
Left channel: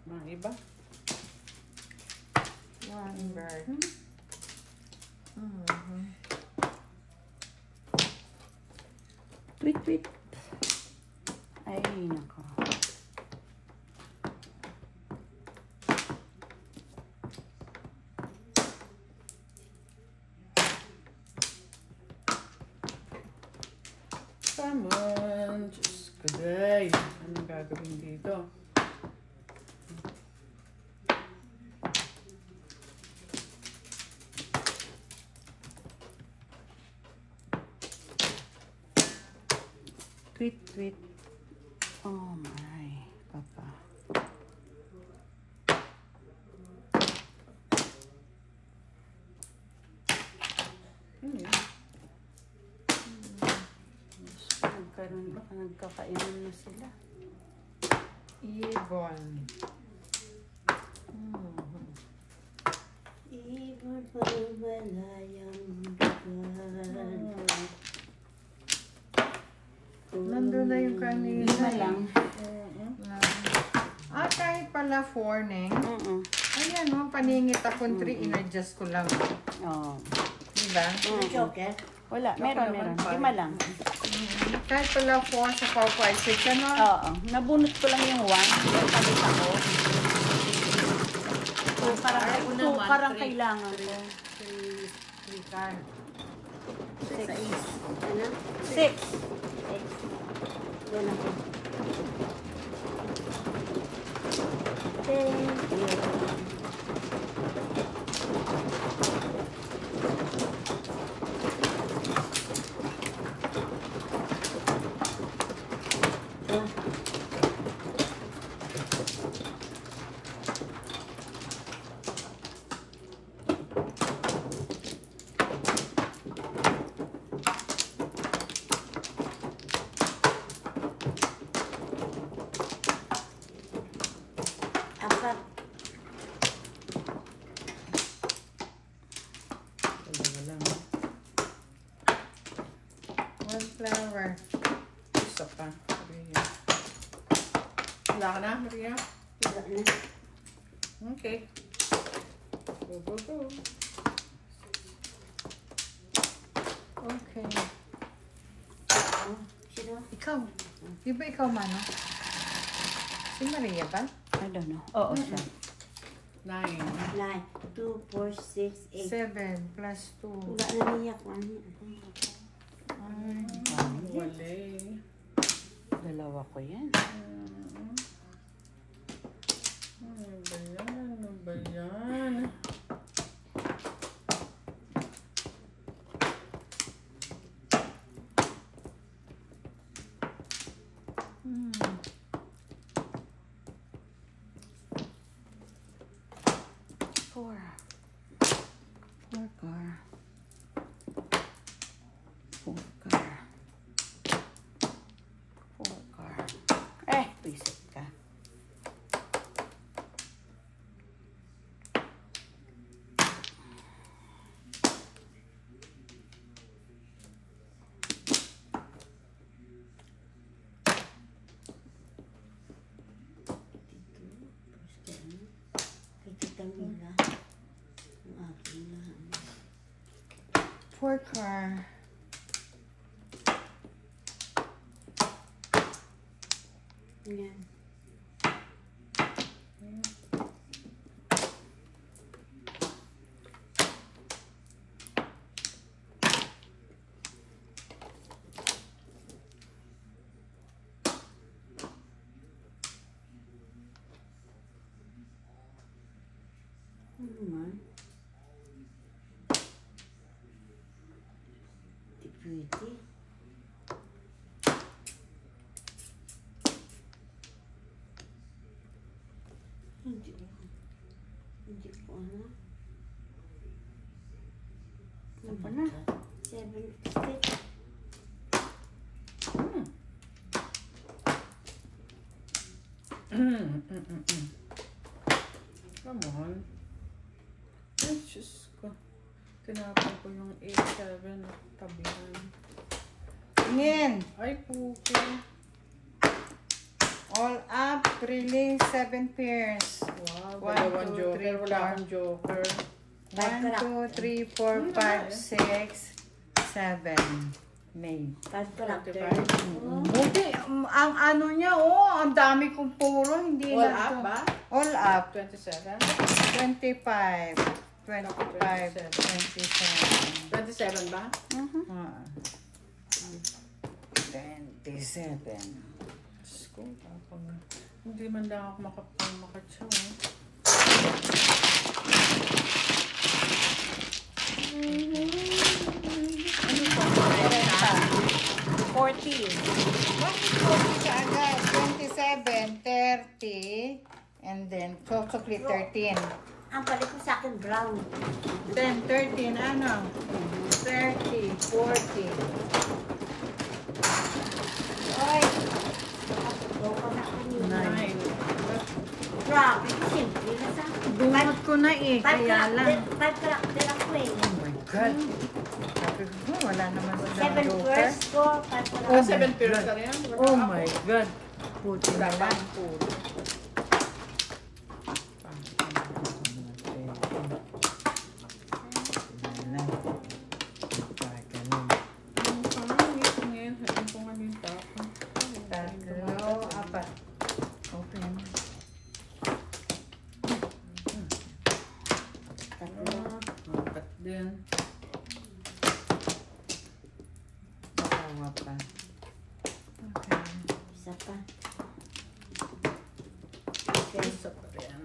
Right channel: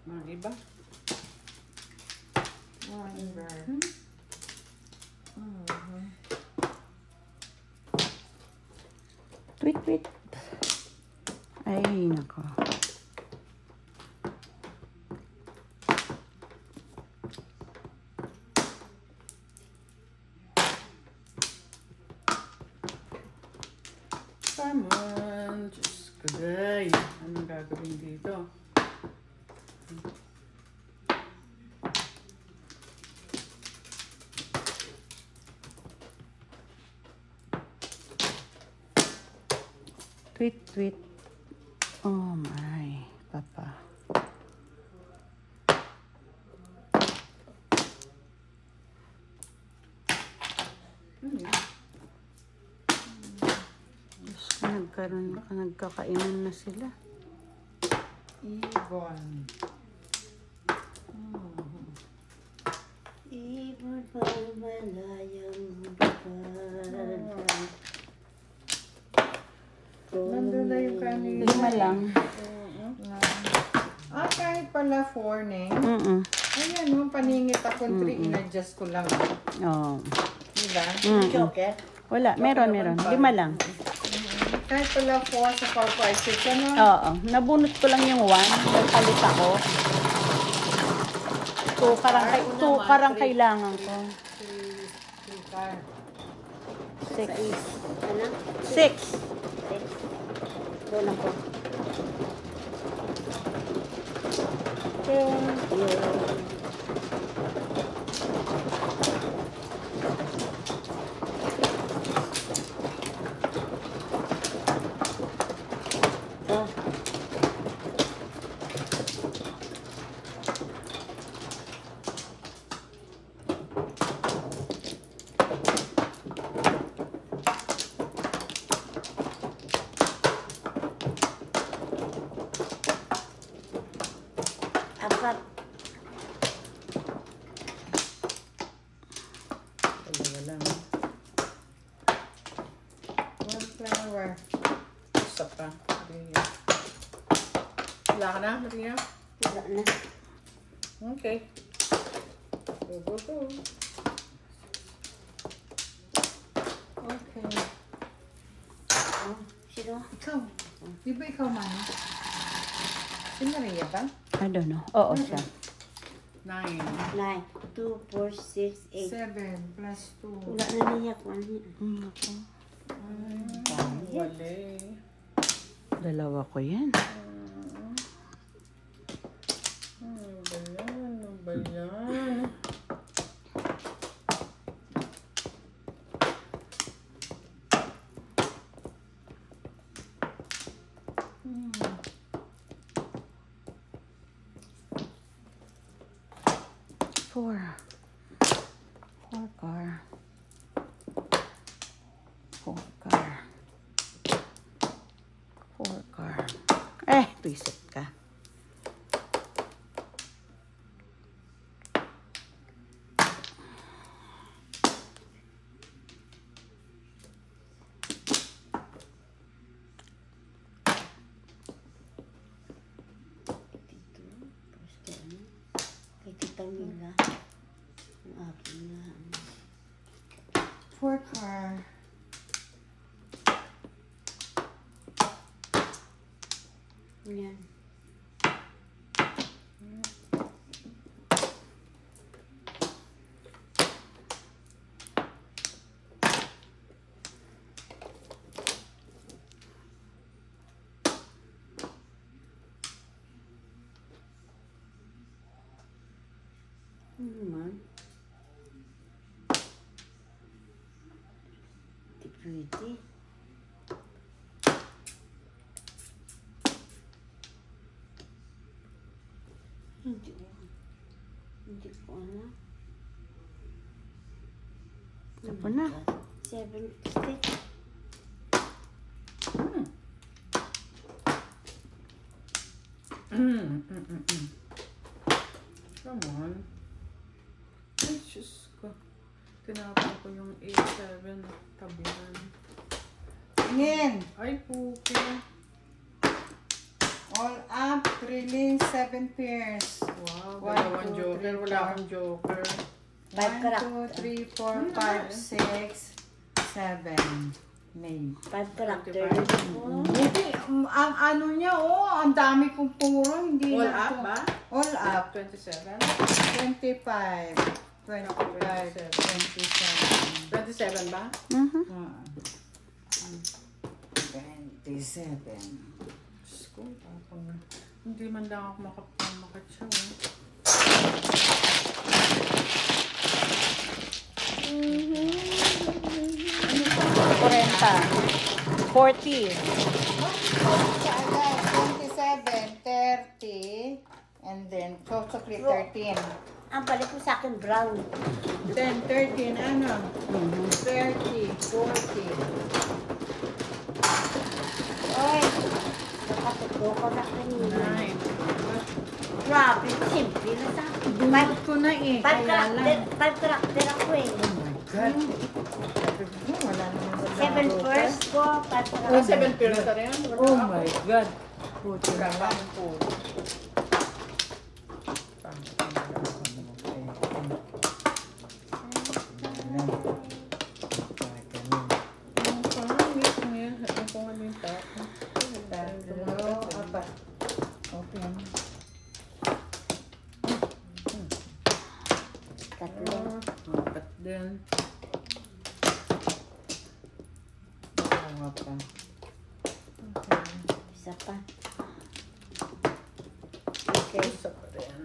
Mga iba? One bird. Tweet, tweet. Ay, nako. Come on. Diyos ko, day. Anong gagawin dito? Tweet, tweet. Oh my, papa. Nagkakainan na sila. Ibon. Ibon pang malayang lugar. Nandun na yung kanina. 5 lang. Kahit pala 4, Neng. Ayan, no, paningit ako 3, in-adjust ko lang. Oh. Diba? Joker. Wala, meron. 5 lang. Kahit pala 4 sa Popeye Chicken, no? Oo. Nabunot ko lang yung 1. Palit ako. So, parang kailangan ko. 3 card. 6. Ano? 6. Kulang ko. Thank you. Apat. Dalawa lang. One flower. Isa pa. Maria. Wala ka na, Maria? Wala na. Okay. Go. Okay. Sino? Ikaw. Di ba ikaw, Mama? Si Maria ba? I don't know. Oo, siya. 9. 9, 2, 4, 6, 8. 7 plus 2. Wala na niya ko. Wali. Dalawa ko yan. Ano ba yan? Four car. 4 car. Reset ka. Kay Tita Mila. Ang aking lang. 4 car. Yan. Naman. Pwede. Hindi ko alam. Tapos na. 7 stick. Come on. Ay, Diyos ko. Tinapon ko yung 8-7 tabihan. Tingin. Ay, puki. All up. Really 7 pairs. Wow, 1, dalawang 2, joker. 3, Wala akong joker. 1, 2, 3, 4, 5, 6, 7. May. Pag-tractor. 25. Hindi, ang ano niya, ang dami kong puro, hindi All lang up to- ba? All up. 27. 25. 25. 27. 27 ba? Ah. 27. Diyos ko, tapang. Hindi man lang ako makatsaw. 40. 27, 30, and then chocolate 13. Ang balik ko sa akin, brown. Then 13, ano? 30, 40. Oy, nakatutuwa ko na kanina. 9. Grabe, simple na sa akin. Bunot ko na eh, kaya lang. Pag-tractor ako eh. Oh my God. Wala naman sa 7 bukas. first ko, Oh, pag-tractor. 7 pairs ka rin? Oh my God. Puto Wala na pa lang. ang pool. Open. Tatlo. Apat din. Dalawa pa. Okay. Isa pa. Okay. Isa pa rin.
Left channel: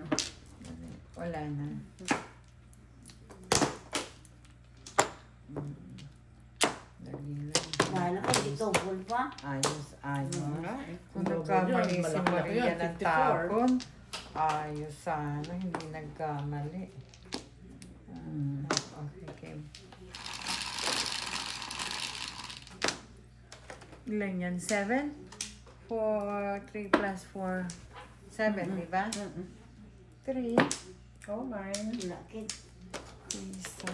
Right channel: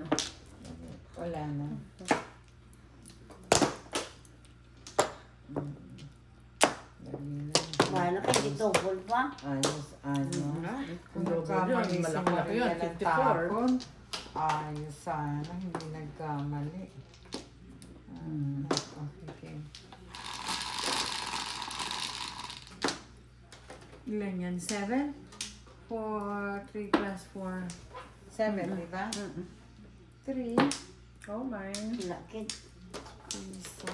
Wala na. Wala ka, hindi double pa. Ayos, ayos. Kung double yun, malaki-laki yun. 54. Ayos sana, hindi nagkamali. Okay. Ilan yan? 7? 4, 3 plus 4. 7, di ba? 3. Oh, mine. Laki. Isa.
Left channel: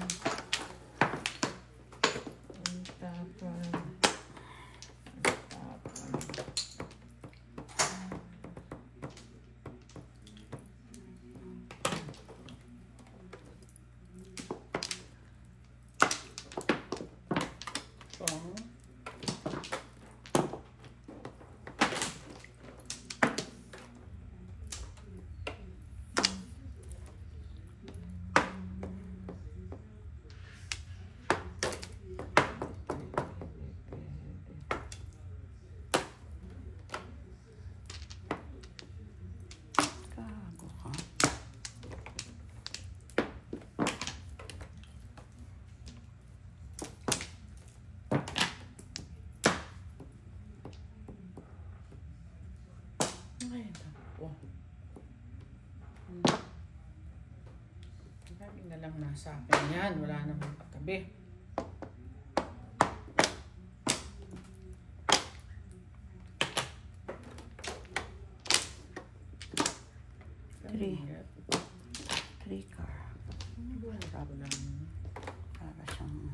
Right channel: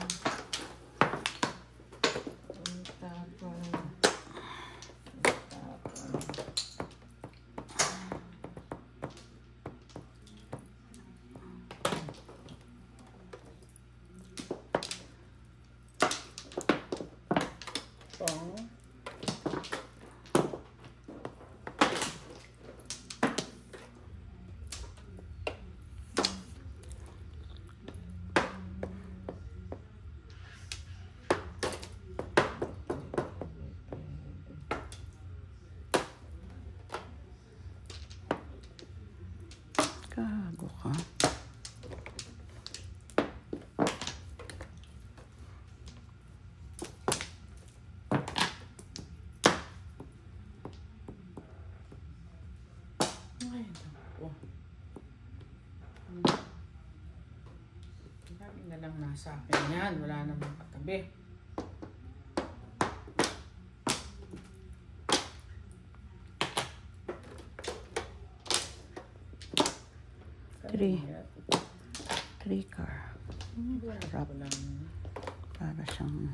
Pong. Gago ka. Ay, naku. Lagi na lang nasa akin yan. Wala namang katabi. Three. 3 car. Wala lang. Para siyang...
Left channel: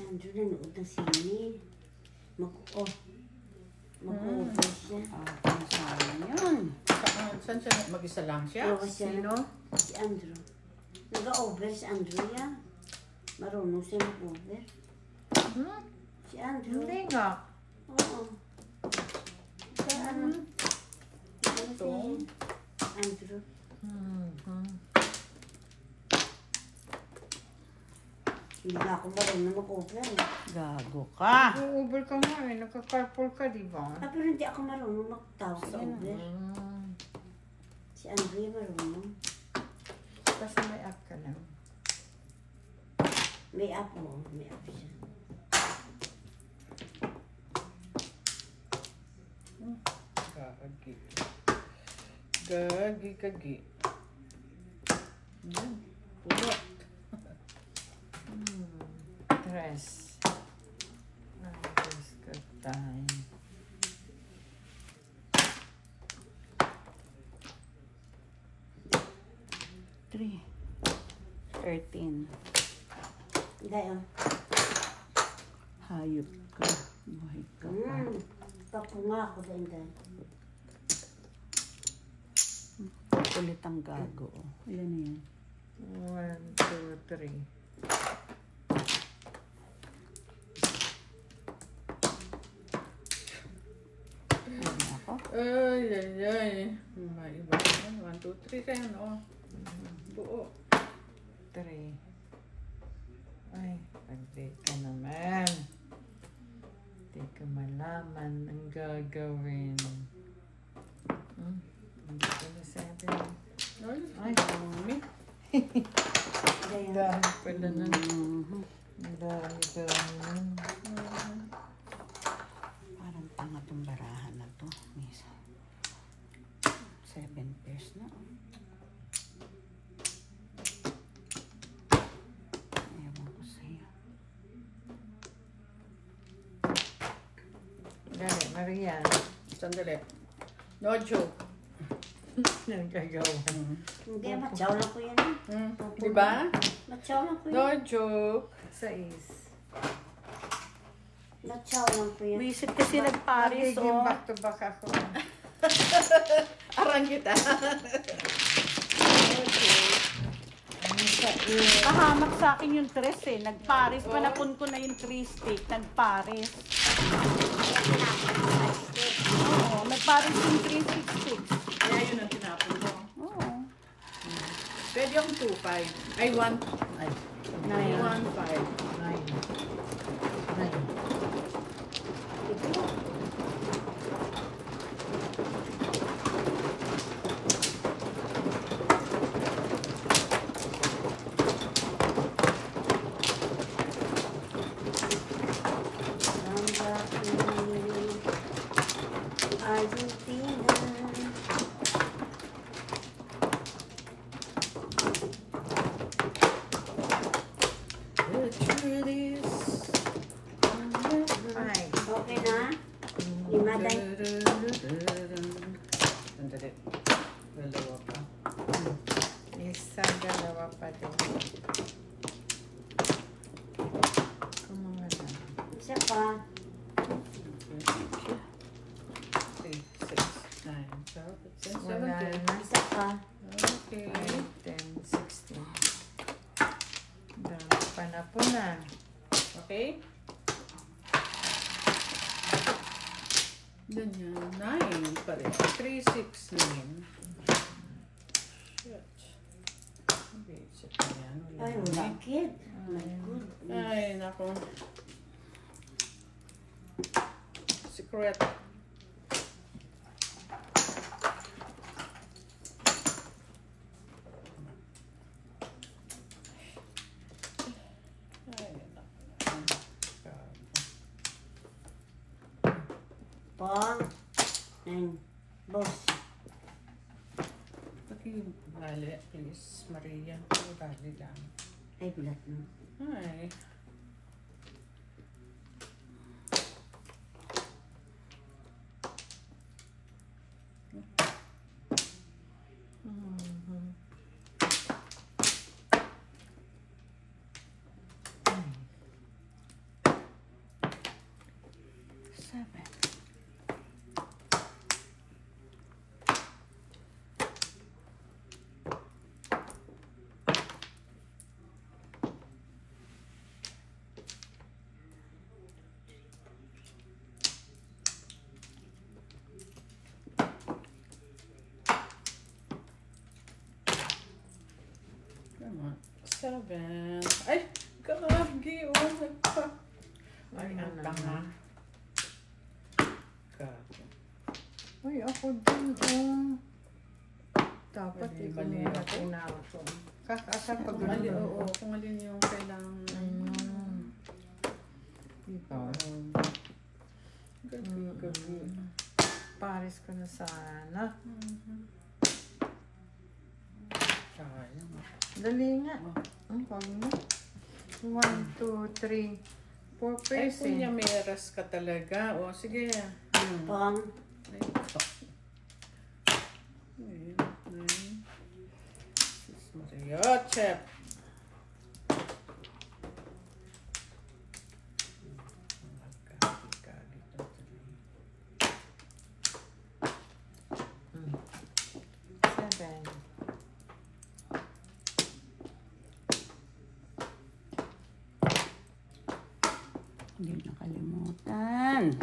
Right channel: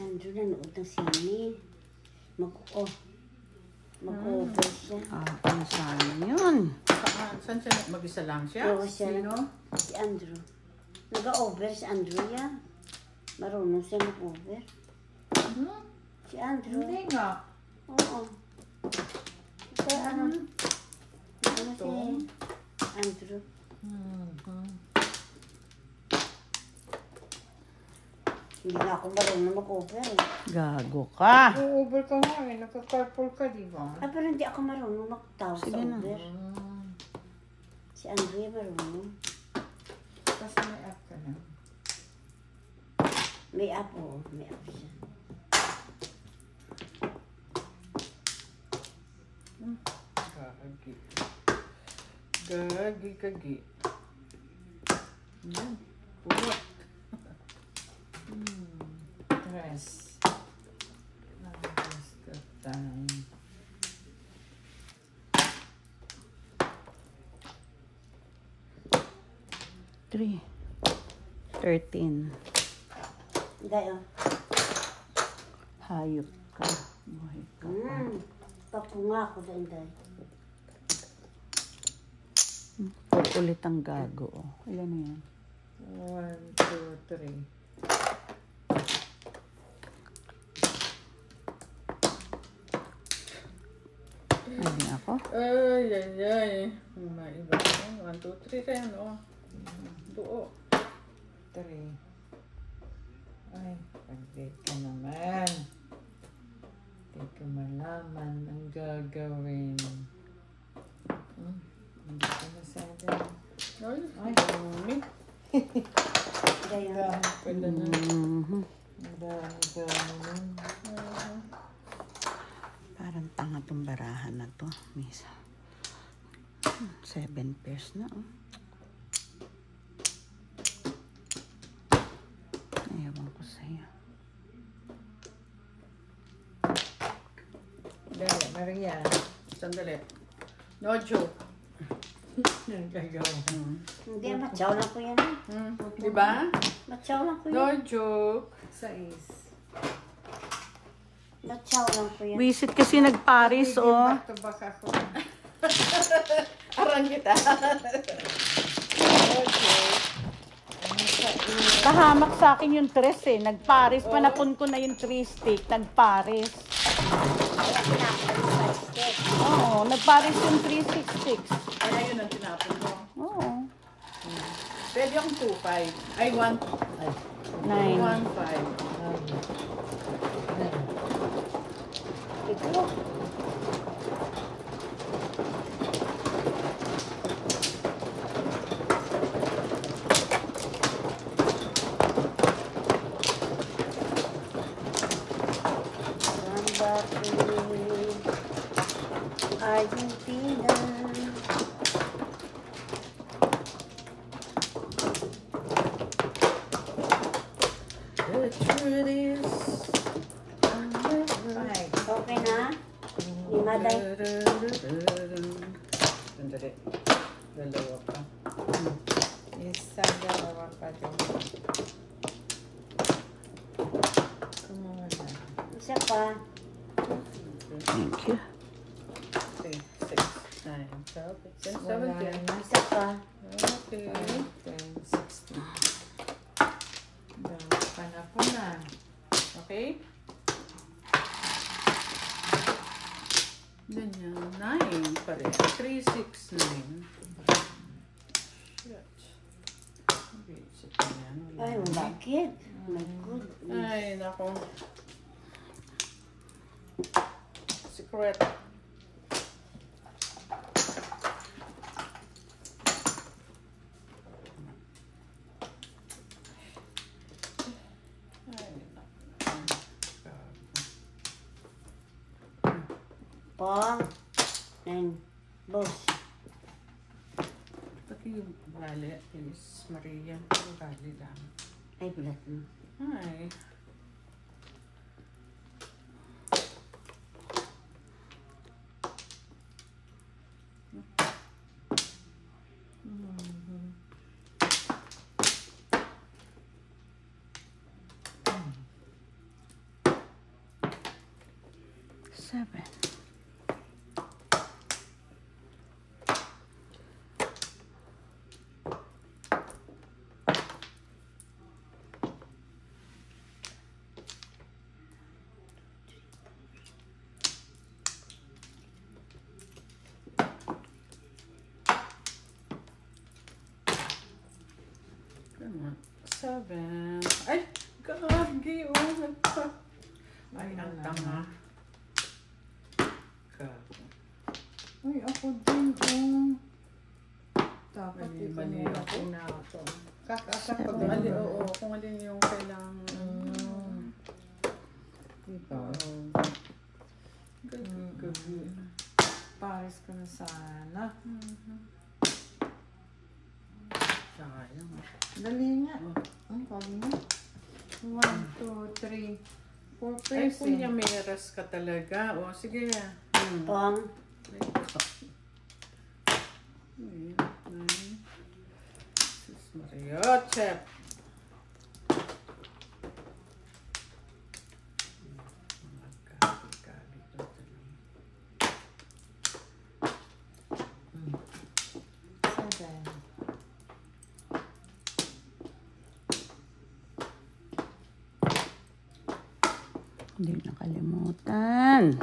Andrew, nanood ng sine. Mag-over siya. Ang sayang yun. Saan siya? Mag-isa lang siya? Ewan siya lang. Si Andrew. Nag-over si Andrew yan. Marunong siya mag-over. Si Andrew. Hindi nga. Oo. Ito ano? Ito si Andrew. Hindi na ako marunong mag-over eh. Gago ka. Over ka nga eh. Nagka-carpool ka, di ba? Pero hindi ako marunong magtawa sa over. Si Andrew marunong. Kasi may app ka lang. May app oh. May app siya. Gagi. Gagi. Yan. Pulot. Tres. Just the time. Three. 13. Gayo. Hayop ka. Buhay ka pa. Papunga ako doon dahil. Ulit ang gago. Ilan na yan? 1, 2, 3. Hindi ako. Ay, ay, ay. May iba yan. 1, 2, 3 rin, oh. Buo. 3. Ay, hindi ko naman. Hindi ko malaman ang gagawin. Hindi ko na 7. Ay, Ay. dami. Kaya, Pwede na. Ang dami. Parang tanga tong barahan na to. Misa. 7 pairs na. Oh. Ayawan ko sa'yo. Dali, Marian. Sandali. No joke. Nagagawa. hindi, matyaw lang ko yan. Diba? Matyaw lang ko No yan. joke. 6. Matyaw lang ko yan. Visit kasi nag-Paris, Magiging oh. back to back ako. Arang kita. No joke. Kahamak sa akin yung tres eh. Nag-Paris. Panapun ko na yung 3 stick. Nag-Paris. Oo, nag-Paris yung 366. Kaya yun ang tinapon mo. Oo. Pwede akong 2-5. Ay, 1. Ay, 1-5. Ito. Argentina. The truth is, Okay na? Lima day. Sandali. Dalawa pa. Isa, dalawa pa din. Isa pa. 3, 6, 9, 12, 15, Wala 17. na. Isa pa. Okay. 10, 16. Panapon na. Okay. Ganyan. 9 pa rin. 3, 6, 9. Shit. Shit na yan. Wala Ay, na. bakit? My goodness. Ay, nako. Secret. Ay, nako. Pa. And boss. Bali, please, Maria. Bali lang. Ay, black mo. Ay. Seven. Come on. 7. Ay, gagi. Oh, nagpa. Ay, ang tanga. Gago. Uy, ako din. Dapat Mali ako. na ako. Kakasap ko Kung alin, oo, kung alin yung kailangan. Diba? Gagi. Paris ko na sana. Sayang. Dali nga. Oh. Ang pawin na. 1, 2, 3, 4 Ay, pairs eh. punyameras ka talaga. O, sige. Pang. Ay, Ay, Sus Maria, chef. Magkakali to talaga. 7. Hindi nakalimutan.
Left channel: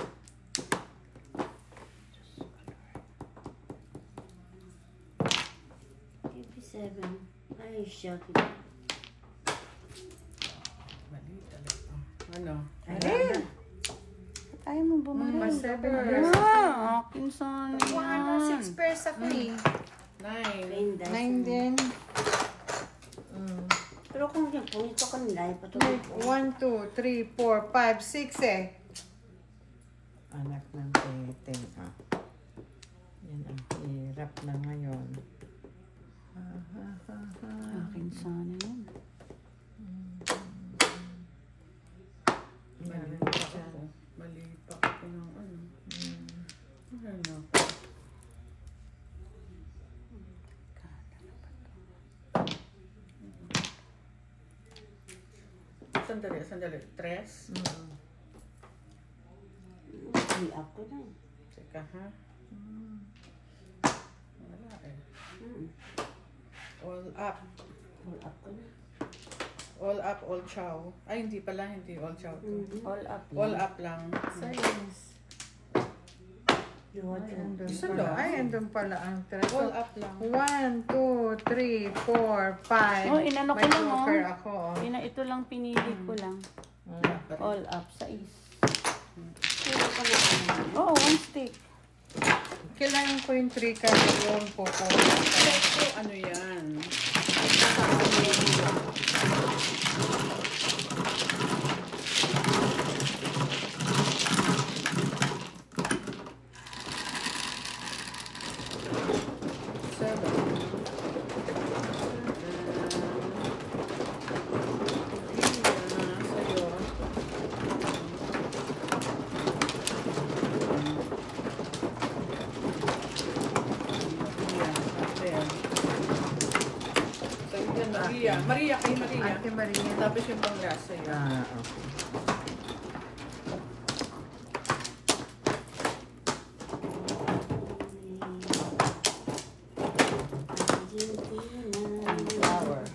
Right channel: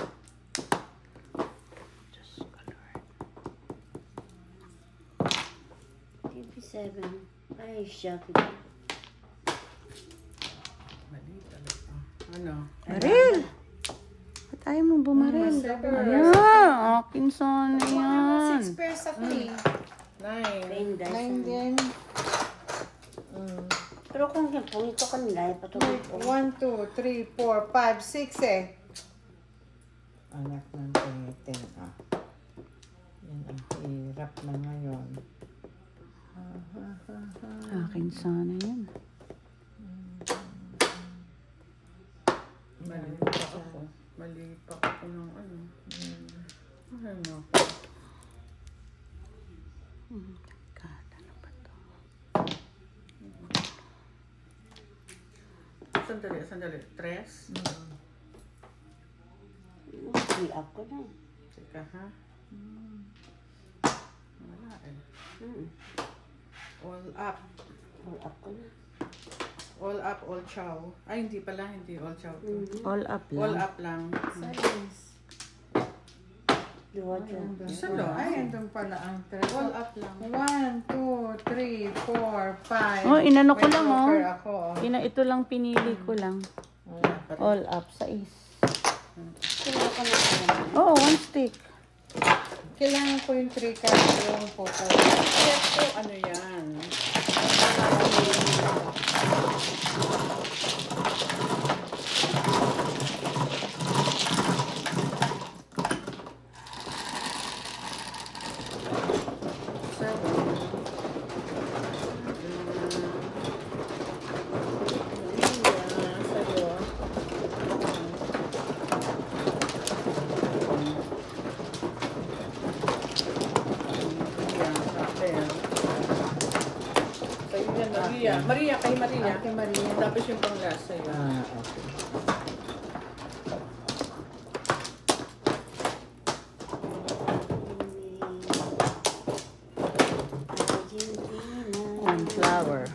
57. Ay, siya. Mali talaga. Ano? Mali! Ba't ayaw mo bumaril? Akin sana yan. 6 pairs sa clean. 9. 9 din. Pero kung hindi po, ito kanila, patuloy ko. 1, 2, 3, 4, 5, 6 eh. Anak ng teten. Yan ang hirap na ngayon. Akin sana yan. Mali pa ako. Mali pa ako ng ano. Ano ako? Sandali. 3? Hindi ako na. Teka ha? Wala eh. All up. All ako na. All up, all chow. Ay, hindi pala. Hindi all chow to. All up lang. All up lang. Silence. Isa lang. Ay, andun pala ang 3. All up lang. 1, 2, 3, 4, 5. Oh, inano ko lang, oh. May ako. Ito lang pinili ko lang. All up sa is. Oo, one stick. Kailangan ko yung 3 kasi yung photo. Ito, ano yan? Maria, kay Maria. Ate Maria. Tapos yung panglasa yun. Okay. Flower.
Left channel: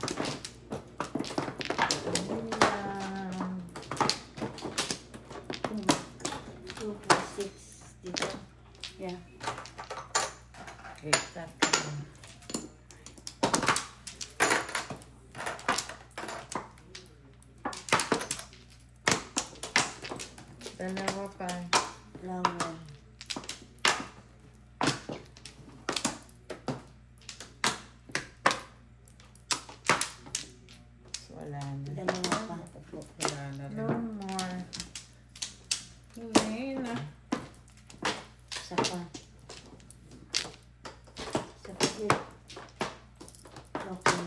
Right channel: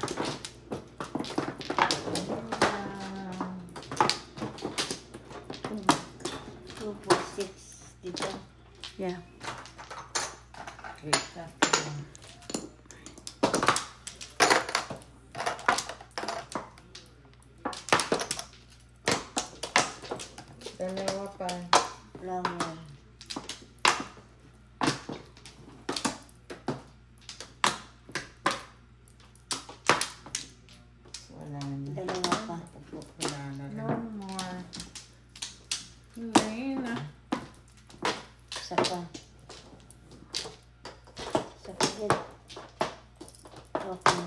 Dito. Yeah. Okay. Dalawa pa. Flower. Wala na. Dalawa pa. Wala na rin. One more. Lena. Isa pa. Isa pa din. Okay.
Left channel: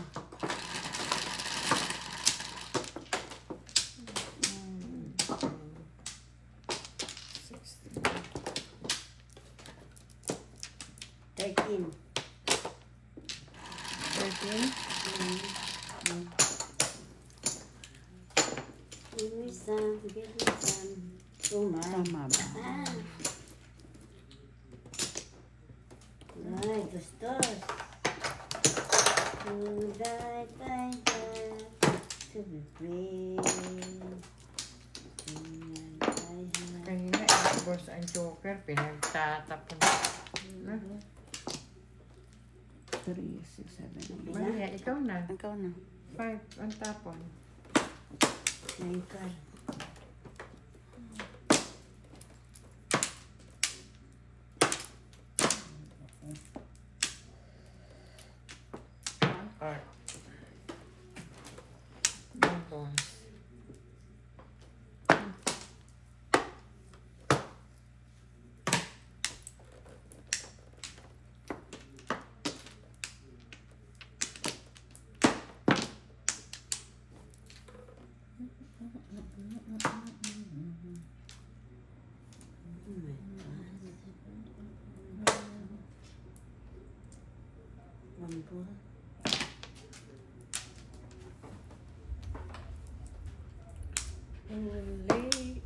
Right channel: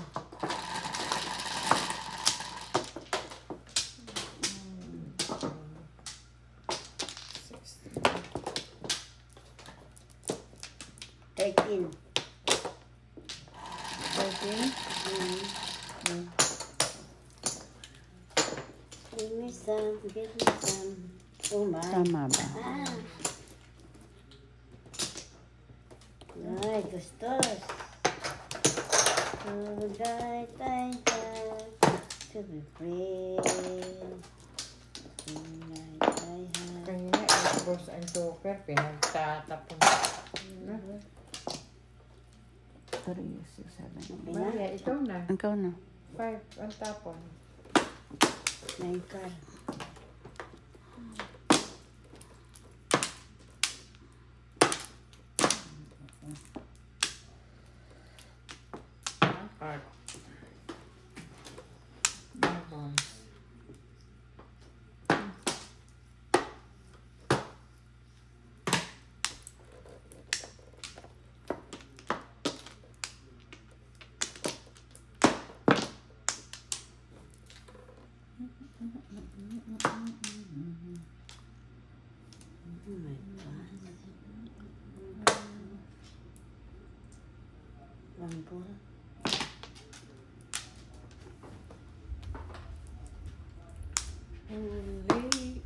Give me some, give me some. Oh my. Tama ba? Ay, gustos. To die, die, die. To be free. Kanina, boss ang joker, pinagtatapon. 3, 6, 7, 8. Maria, ito na. Ikaw na. 5 ang tapon. Naikar. One card. Lambo.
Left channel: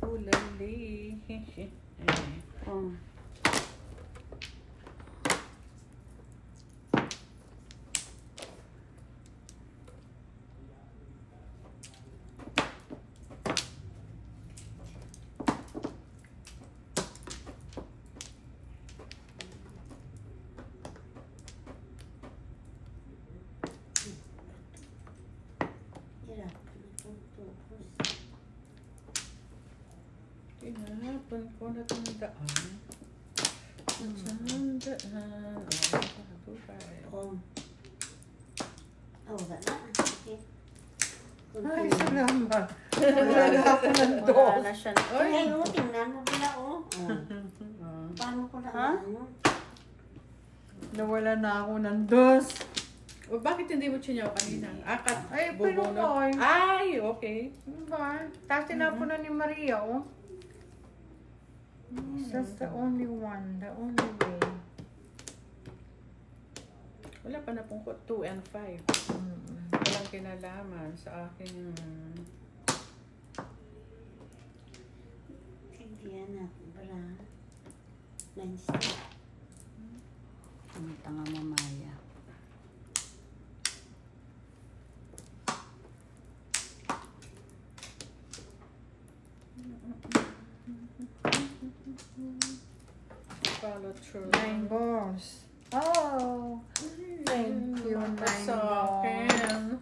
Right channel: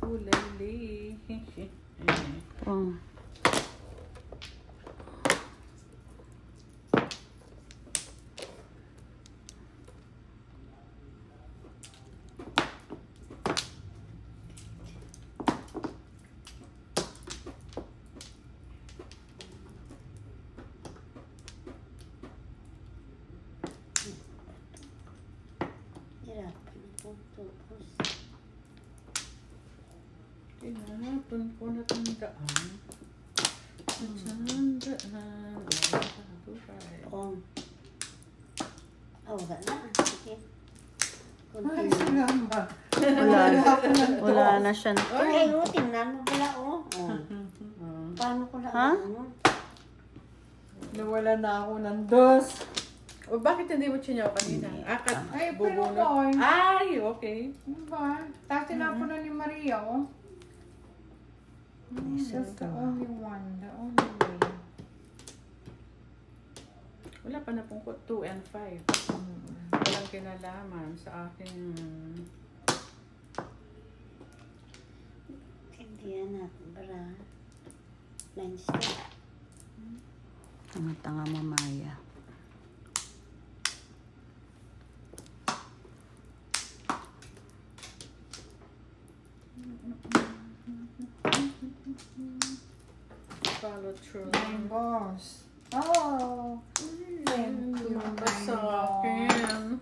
Ulay. Oh. Tinapon ko na tandaan. Tandaan. Oh. Wala na. Sige. Ay, salamat. Wala na siya. Ay, tingnan mo pala, oh. Paano ko na, ano? Nawala na ako ng dos. O bakit hindi mo chinyaw kanina? Akat, Ay, bubunot. pero Ay, okay. Diba? Tapos tinapon na ni Maria, oh. That's the only one. The only way. Wala pa na pong 2 and 5. Walang kinalaman sa aking... Hindi yan natin para 9 step. Ang tanga mo, Maya. Follow through. My boss. Oh. Thank you, my Sa akin.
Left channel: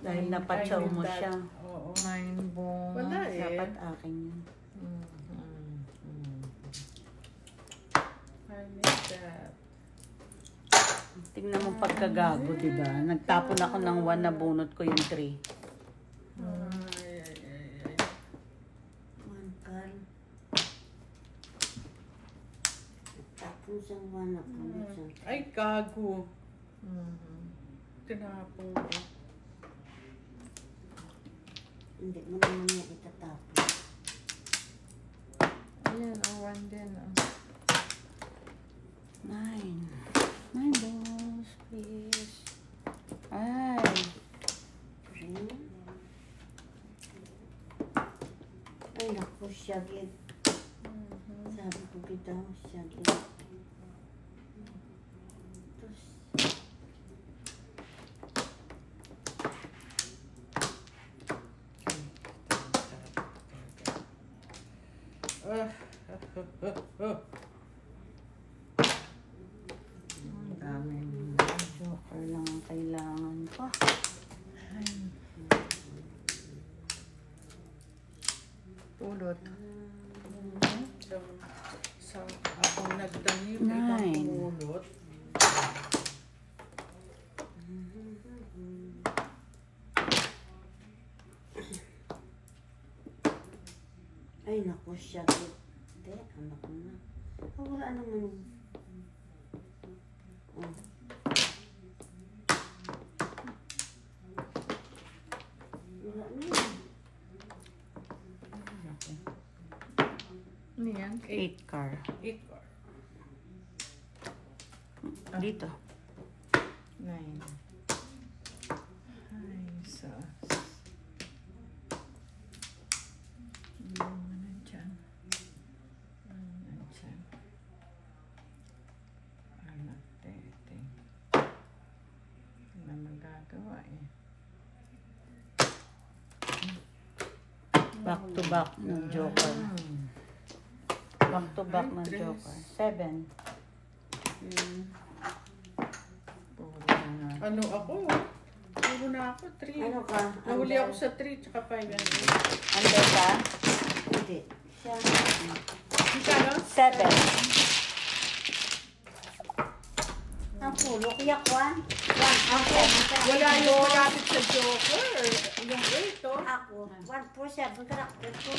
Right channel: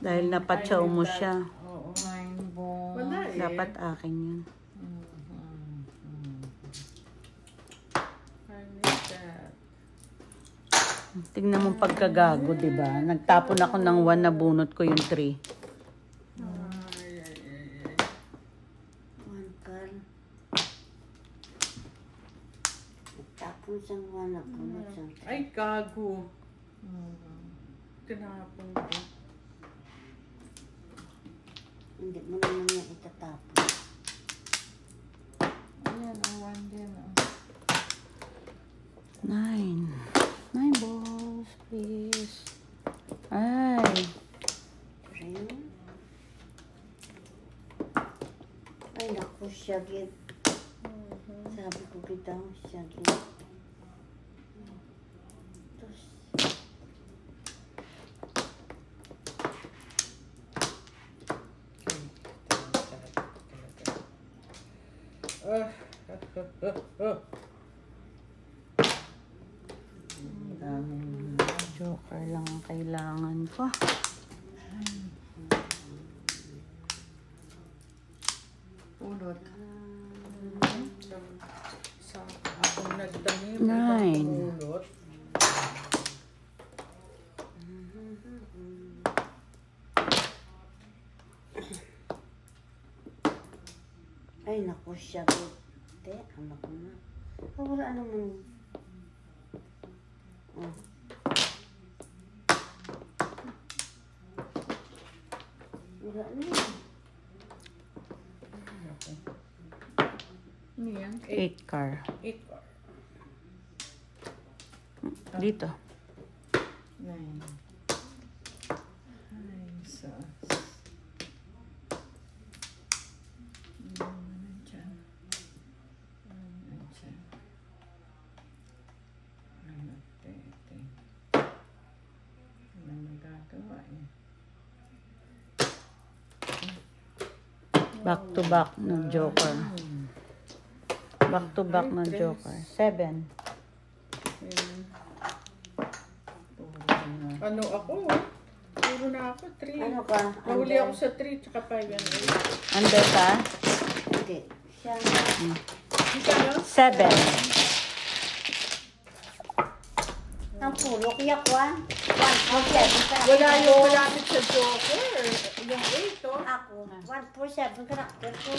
Dahil napatsaw mo siya. Oo. My boss. Wala eh. Dapat akin yun. I need that. Tingnan mo pagkagago, di ba? Nagtapon ako ng 1, nabunot ko yung 3. Ay. One girl. Tapos ang wala ko. Ay, gago. Tinapon ko. Hindi mo naman yan itatapos. Ayan, ang one din, oh. 9 balls, please. Ay. 3. Ay, naku, siya gid. Sabi ko bitaw, siya gid. Daming joker lang ang kailangan ko. Pulot. Sa akong nagtanim, Nine. ibang pulot. Ay, naku, siya gid. Anak mo. Wala naman. Oh. Wala na. Ano yan? 8 car. 8 car. Dito. 9. Ay, sus. Nandiyan. Nandiyan. Ano, tete. Wala magagawa eh. Back to back ng joker. Back to back ng joker. 7. Ano ako? Puro na ako, 3. Ano ka? Nahuli ako sa 3, tsaka 5 and 8. Ano ka? Hindi. Siya. Kano? 7. Ang pulo, kaya ko ah. Wala yung malapit sa joker. Yung 8, oh. Ako, 147 karakter ko.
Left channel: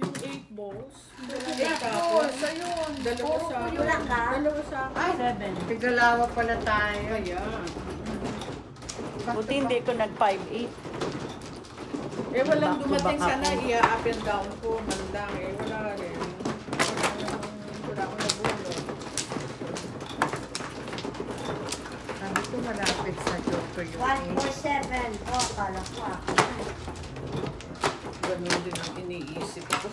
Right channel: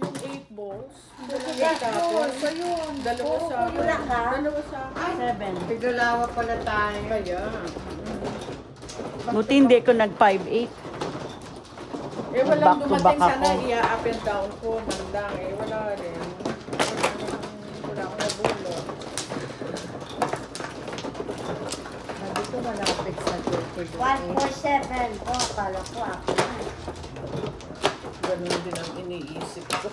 Yung 8 balls. Tapos, dalawa sa akin. Wala ka? Dalawa sa akin. 7. Tigalawa pala tayo. Kaya. Buti hindi ko nag 5-8. Eh, walang Back to dumating back sana, ako. up and down ko, man lang. Eh, wala rin. Wala akong nabulo. Nandito malapit sa joker yung 147. Oh, kala ko ako. Ganun din ang iniisip ko.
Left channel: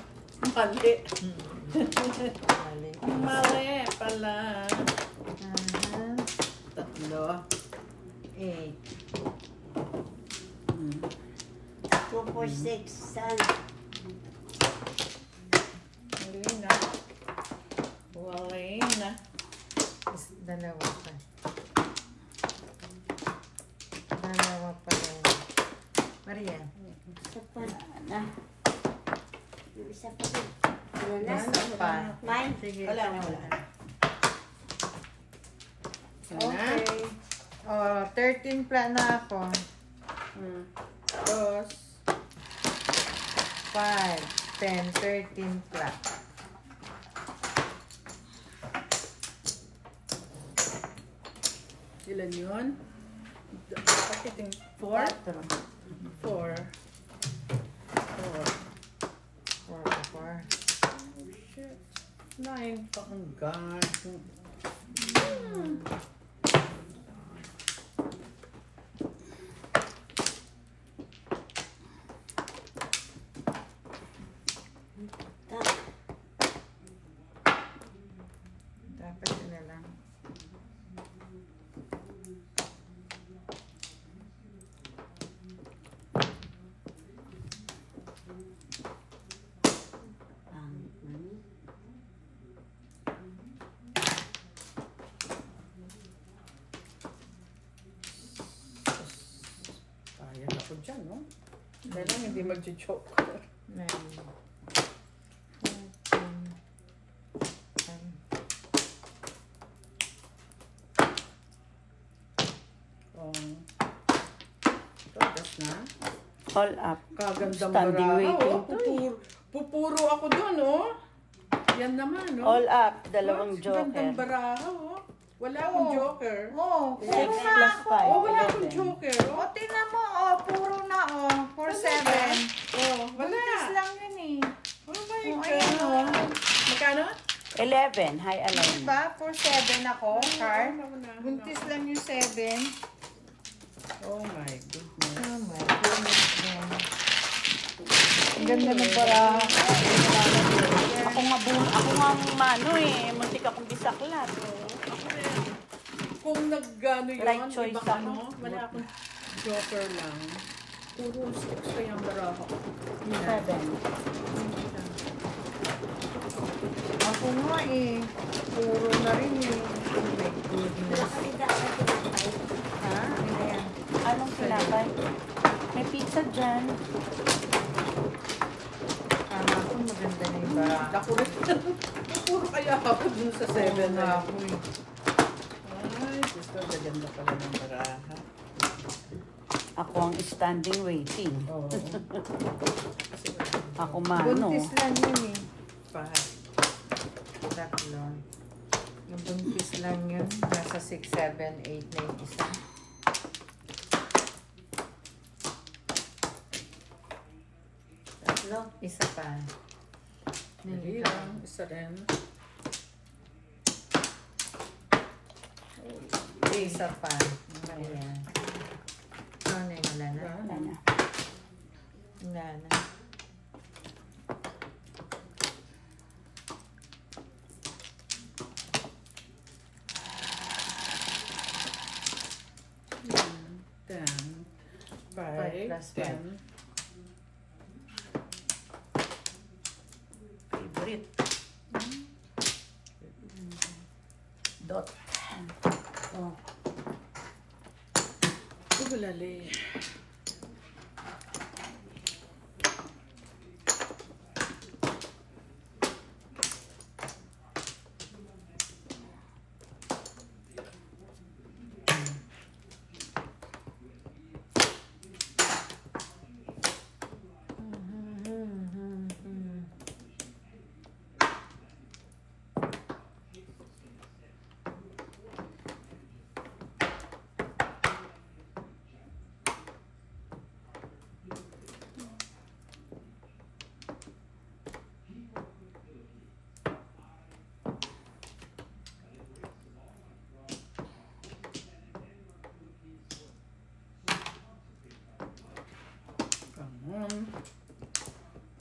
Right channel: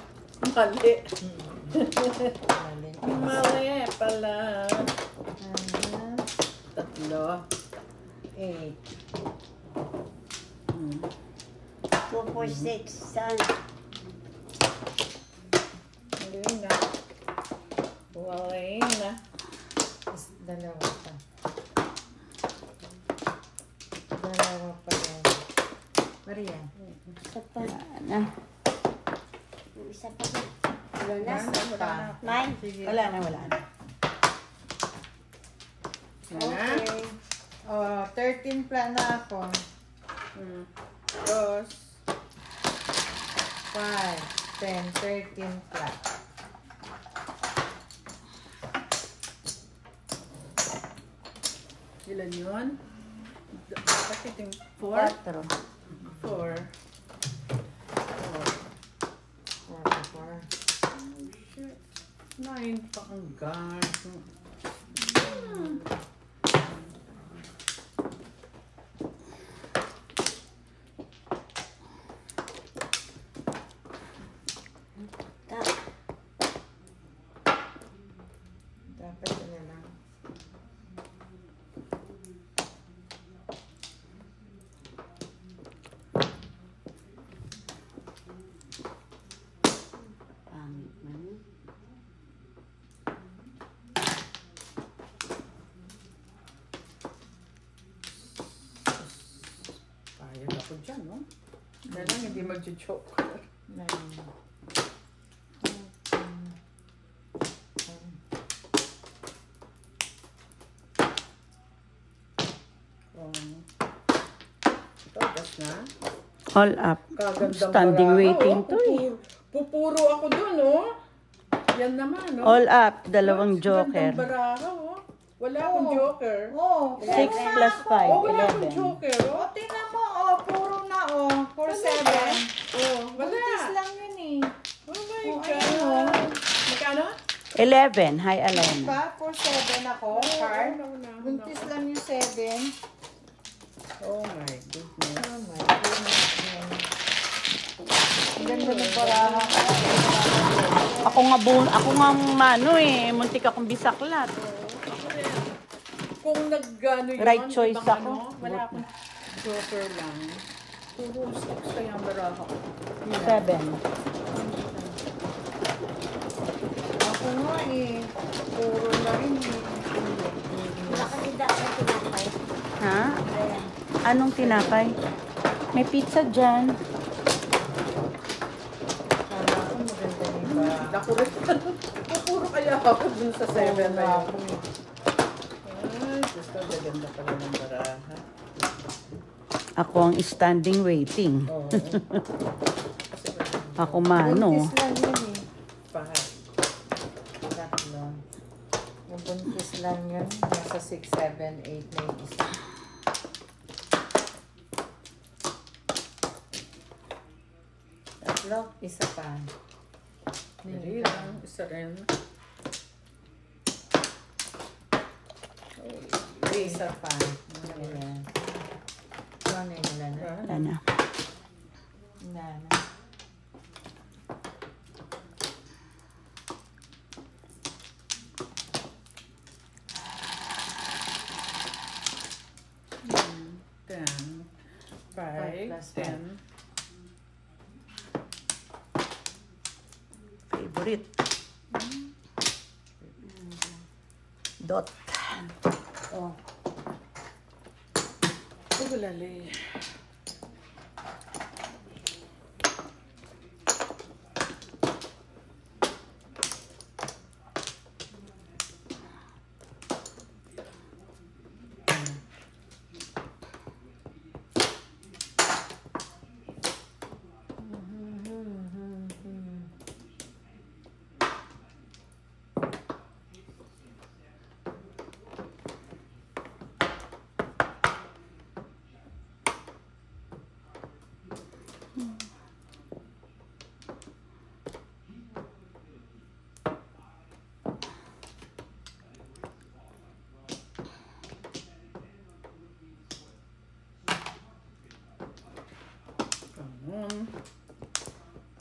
Mali. Mali pala. 3. 8. 246. Saan? Mali na. Wala na. Dalawa pa. Marian. Isa pa. Na. Yung isa pa. Wala na. Wala na. Nine. Sige, Wala ikaw na, wala muna. na. Wala na? Oh, 13 pla na ako. Dos. 5, 10, 13 pla. Ilan yun? Pakiting 4? 4. 44. Shit. 9 pa ang guard. Dapat yun na lang. Pangit man. Payag ako dyan, no? Kaya lang hindi mag-choke. 9. Ito, gas na. All up. Kagandang Standing baraha, waiting oh. to eh. Pupuro ako doon, oh. Yan naman, no? All up. Dalawang joker. Gandang baraha, oh. Wala akong joker. Oh, 6 plus 5. Oh, wala akong joker, oh. oh, tingnan mo, oh, puro na, oh. 4, 7. Oh, wala. Buntis lang yun eh. Oh my Oh, God. ayun, Magkano? 11. High 11. Diba? 4, 7 ako, card. Buntis lang yung 7. Oh my goodness. Oh my goodness. Ang ganda ng baraha. Ako nga mano eh. Muntik akong bisaklat. Kung nag-ano yun, Right choice ibang ako. ano, wala akong joker lang. Puro 6 kaya ang baraha ko. 7. Ako nga eh. Puro na rin eh. Wala kasi dapat tinapay. Ha? Ayan. Anong tinapay? May pizza dyan. Ako maganda na yung baraha. Naku rin. Puro kaya ako dun sa 7 na yun. Ako eh. Ay, gusto, gaganda pala ng baraha. Ako ang standing waiting. Oo. Ako mano. Buntis lang yun eh. 5. Tatlo. Yung buntis lang yun. Nasa 6, 7, 8 na yung isa. Tatlo. Isa pa. Hindi lang. Isa rin. Isa pa. Ayan. Ano yun? Wala na? Ano? Wala na. Ten. 5 5. plus 10. Favorite. Dot. Oh. Ugalali.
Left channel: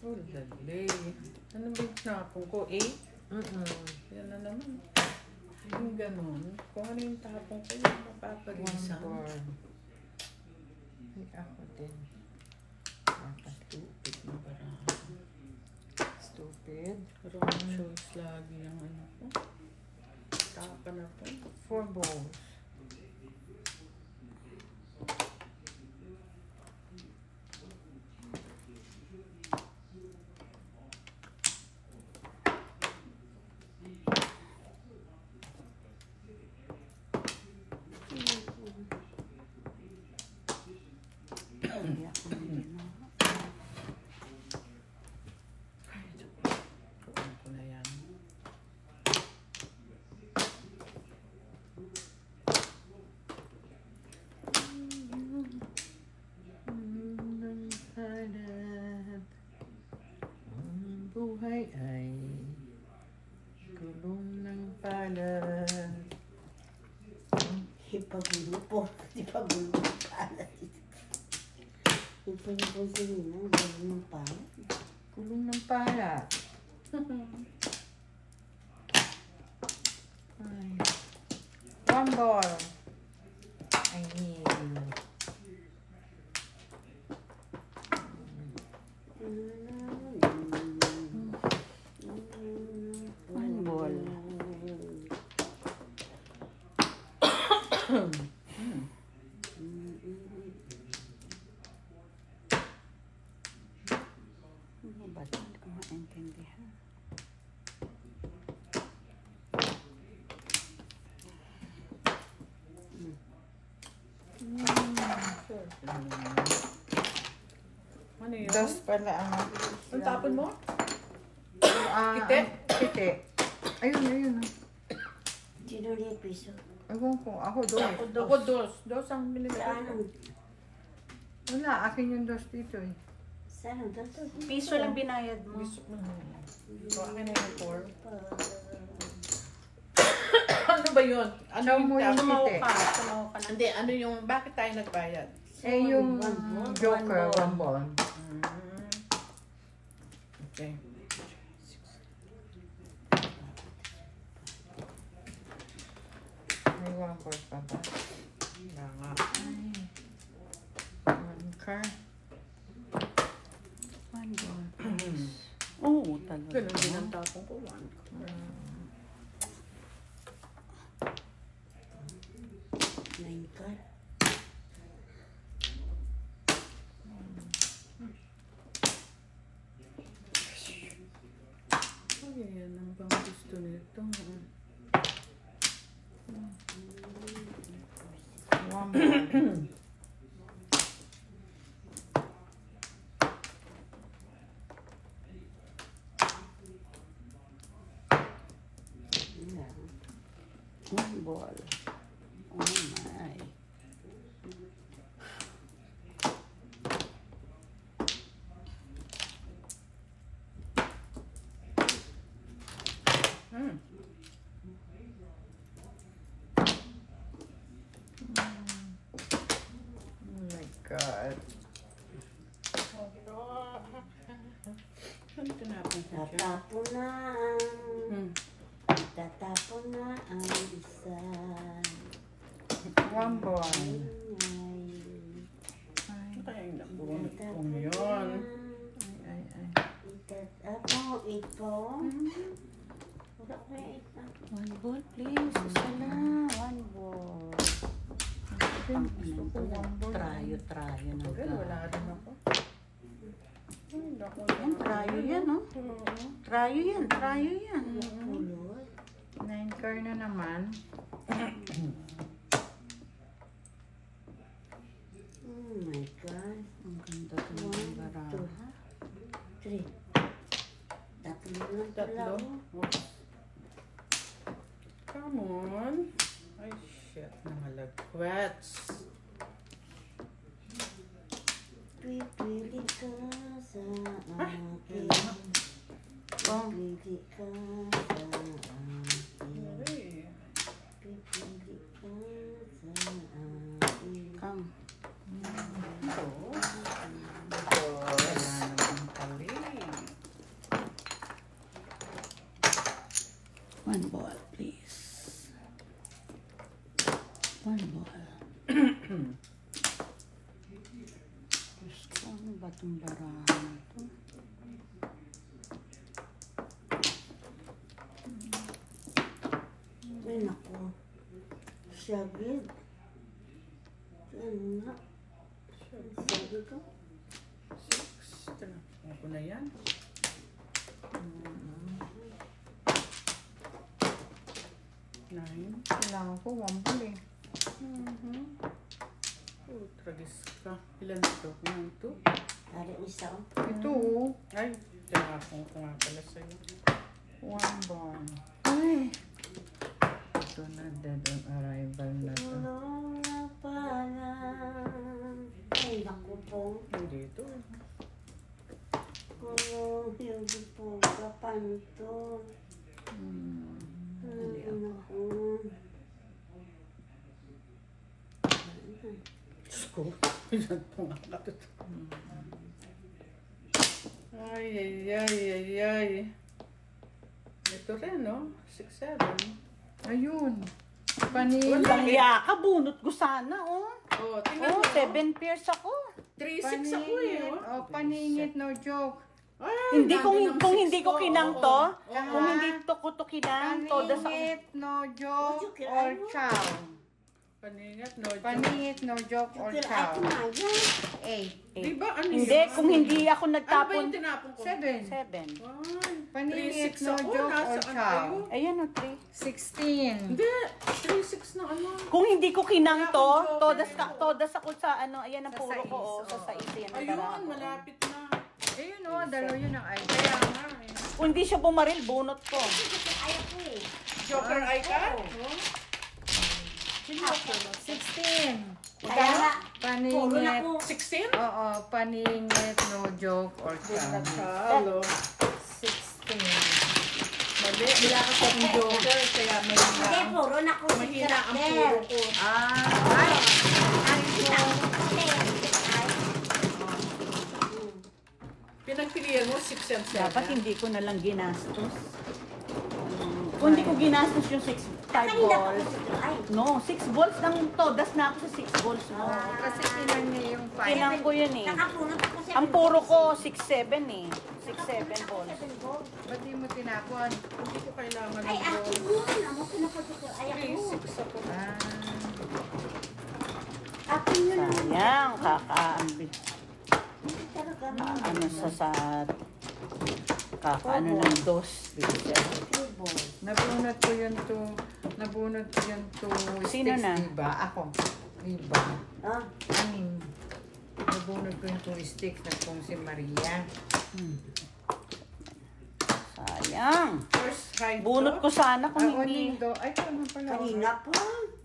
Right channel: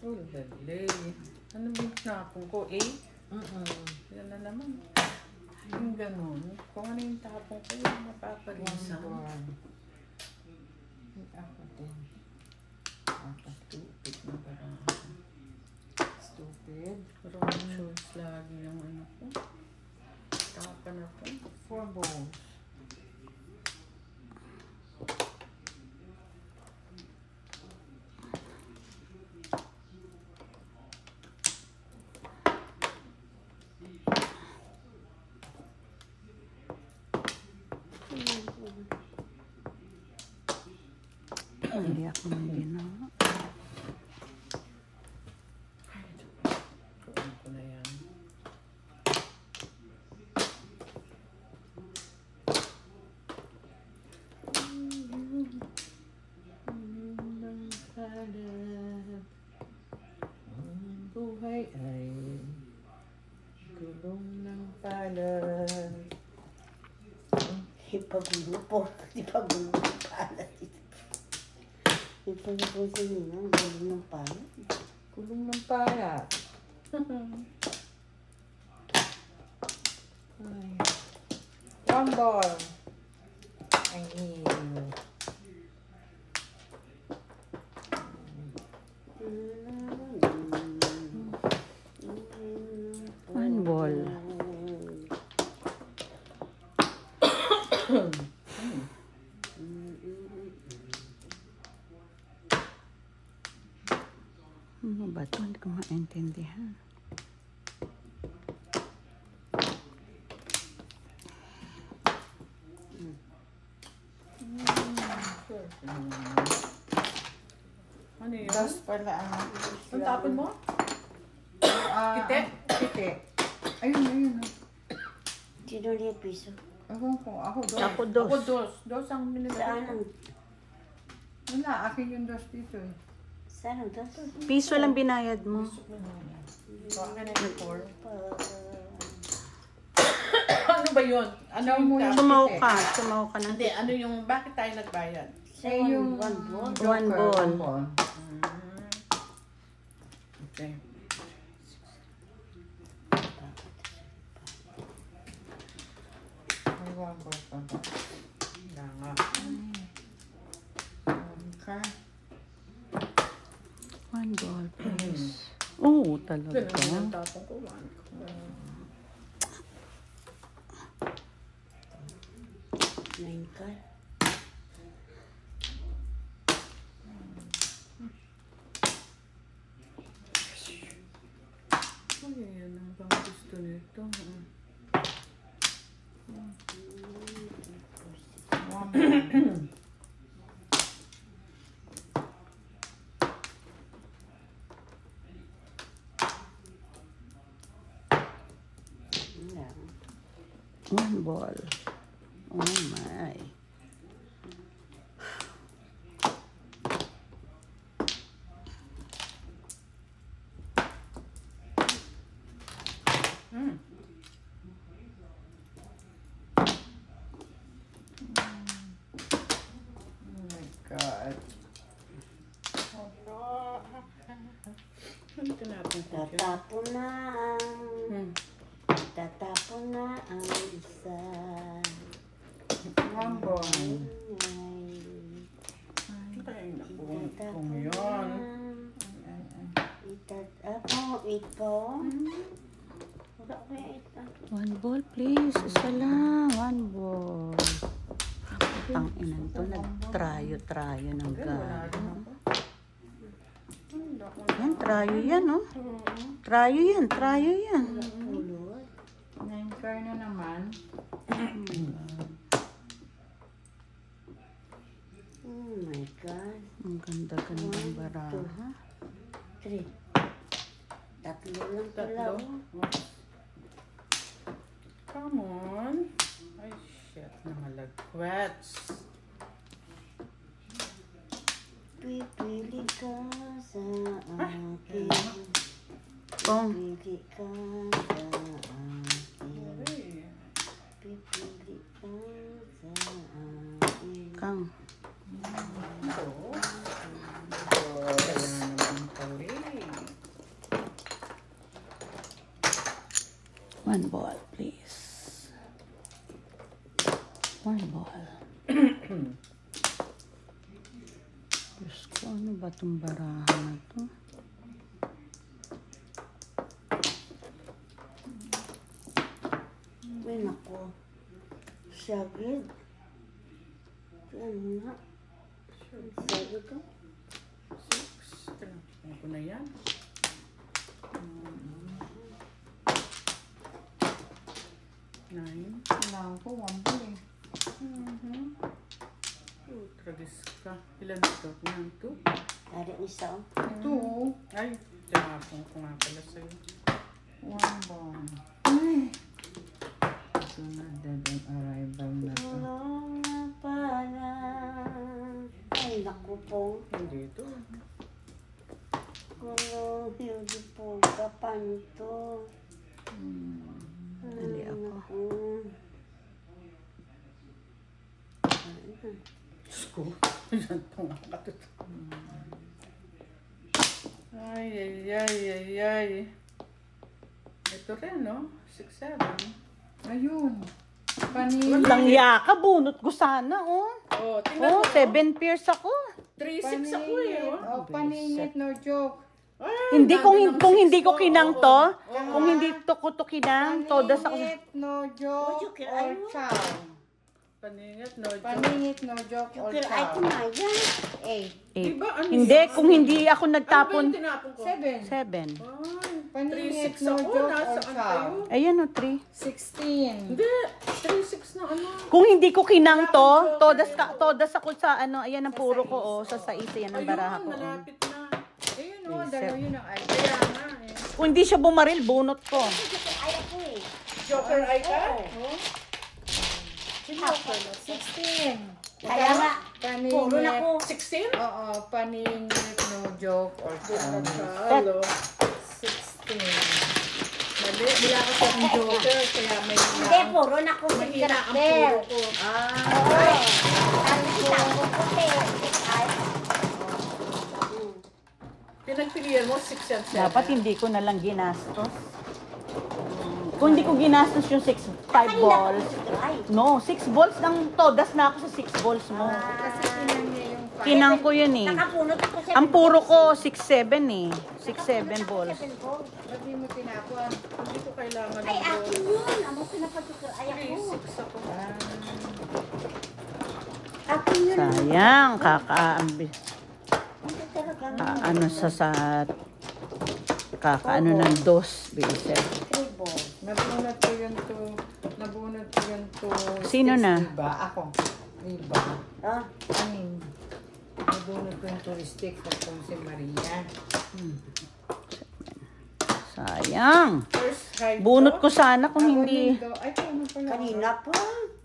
Ugalali. Ano ba yung tinapon ko? 8? Yan na naman. Yung ganun. Kung ano yung tapon ko, yung mapaparisan. Ako din. Stupid na parang. Stupid. Wrong choice lagi yung ano ko. Taka na po. 4 balls. Hindi ako maginawa. Tuon ko na yan. Buhay ay gulong ng palad. Ipagulo po. Ipagulo ng palat. Ipagulo po sila ng gulo ng palat. Gulong ng palad. One ball. I need. One ball. Ano ba ito? Hindi ko maintindihan. Ano yun? Dos pala ang Ang tapon mo? Kite? Kite. Ayun, ayun. Sino ulit yung piso? Ewan ko. Ako dos. Ako dos. Dos ang binibigay Saan? ko. Wala, akin yung dos dito eh. Saan ang dos? Piso lang binayad mo. So, akin na yung 4. Ano ba yun? Ano yung tapon? Sumaw ka. Sumaw ka na. Hindi, ano yung, bakit tayo nagbayad? Eh, yung joker, one ball. Okay. May one ball pa ba? Wala nga. Okay. One ball, please. Oo, talaga. Ganun din ang tapon ko. 1. 9 ka. Ay, yan ang bang gusto nito. One ball. One ball. Oh my. Oh my God. Ano tinapon ko siya? Tatapon na ang... Tatapon na ang isa. One ball. Ano kaya yung nabunot kong yun? Ako, 8 po. Wala ko yung 8 pa. One ball, please. Isa lang. One ball. Ang ina to. Trayo ng Hanggang wala rin ako. Ay, naku Yan, trayo yan, no? Trayo yan, trayo yan. 9 car na naman. Oh my God. Ang ganda ka ng 1, baraha. 2, 3. Tatlo lang pala. Tatlo? Oh. Come on. Ay, shit. Namalagkwats. Pipili ka sa akin. Pipili ka sa akin. Ay. Pipili ka sa akin. Kang. Ito. Kaya naman pali. One ball, please. One ball. Diyos ko, ano ba itong baraha na ito? Ay, naku. Sagid. Ano na? Sagid ko. 6. Tinapon ko na yan. 9. Wala ako, one ball eh. 2, Ragis ka. Ilan ito? 1, 2. Ada isa oh. Ito, Ay, tinapon ko nga pala sa'yo. 1 bar. Ay. Ito na, dead on arrival na to. Tulong na pala. Ay, naku po. Hindi ito. Hindi po. Paano to? Ay, naku. Diyos ko. Yan po nga katuto. Ay, ay, ay, ay, ay. Ito rin, no? 6, 7. Ayun. Paningit. Walang yaka, bunot ko sana, oh. Oh, tingnan Oh, mo. 7 pairs ako. 3, 6 ako eh, oh. Oh, paningit, no joke. Ay, Hindi kung nandun ang kung 6 hindi ko ko. kinang Oo, to, oo. kung hindi to kinang, todas ako. Paningit, no joke, Joke, or ano? chow. Paningit, no joke. Paningit, no joke, or Ay, chow. kumaya. 8. Di ba, ano Hindi, yun? kung hindi ako Ano ba nagtapon. yung tinapon ko? 7. 7. Ay, Paningit, 3, 6 no ako. joke, or Nasaan chow. kayo? Ayan, oh, 3. 16. Hindi, 3, 6 na ano. Kung hindi ko kinang Wala to, akong joker. todas ako sa ano, ayan ang puro ko, oh, sa 6, ayan ang baraha Ayun, ko. malapit na. Ayun, oh, dalawa yun ang ay. Kaya nga eh. Kung hindi siya bumaril, bunot ko. Ay, ako eh. Joker eye ka? Oo. 16. Kaya nga, puro na Paningit. ko. 16? Oo, paningit, no joke, or chow. Nagkalo. 16. Mali, wala kasi akong joker, kaya may Hindi, puro na ko. mahina ang puro ko. Ay, ang kita ko puti. Ay. Pinagpilihan mo 6 and 7. Dapat hindi ko na lang ginastos. Kung hindi ko ginastos yung 5 balls. Ay, No, 6 balls ng todas na ako sa 6 balls mo. Kasi pinang niya yung 5. Kinang ko yun eh. nakapunot ako sa Ang puro ko 6-7 eh. 6-7 balls. Sabi mo tinapon. Hindi ko kailangan Ay, ng ako gold. yun. Ano pinapasuka? Ay, 3, ako. 6 ako. Ako yun. Sayang, kakaambi. Hindi talaga. Ano sa kakaano ng dos. Bilisip. Table. Nabunot ko yun to. Nabunot ko yun to. Sino sticks, na? Diba? Ako. Diba? Ah, Ayun. Nabunot ko yung 2 sticks na kung si Maria. Sayang. First high Bunot ko sana kung Ako hindi. yun, ay, ano pa yun? kanina po.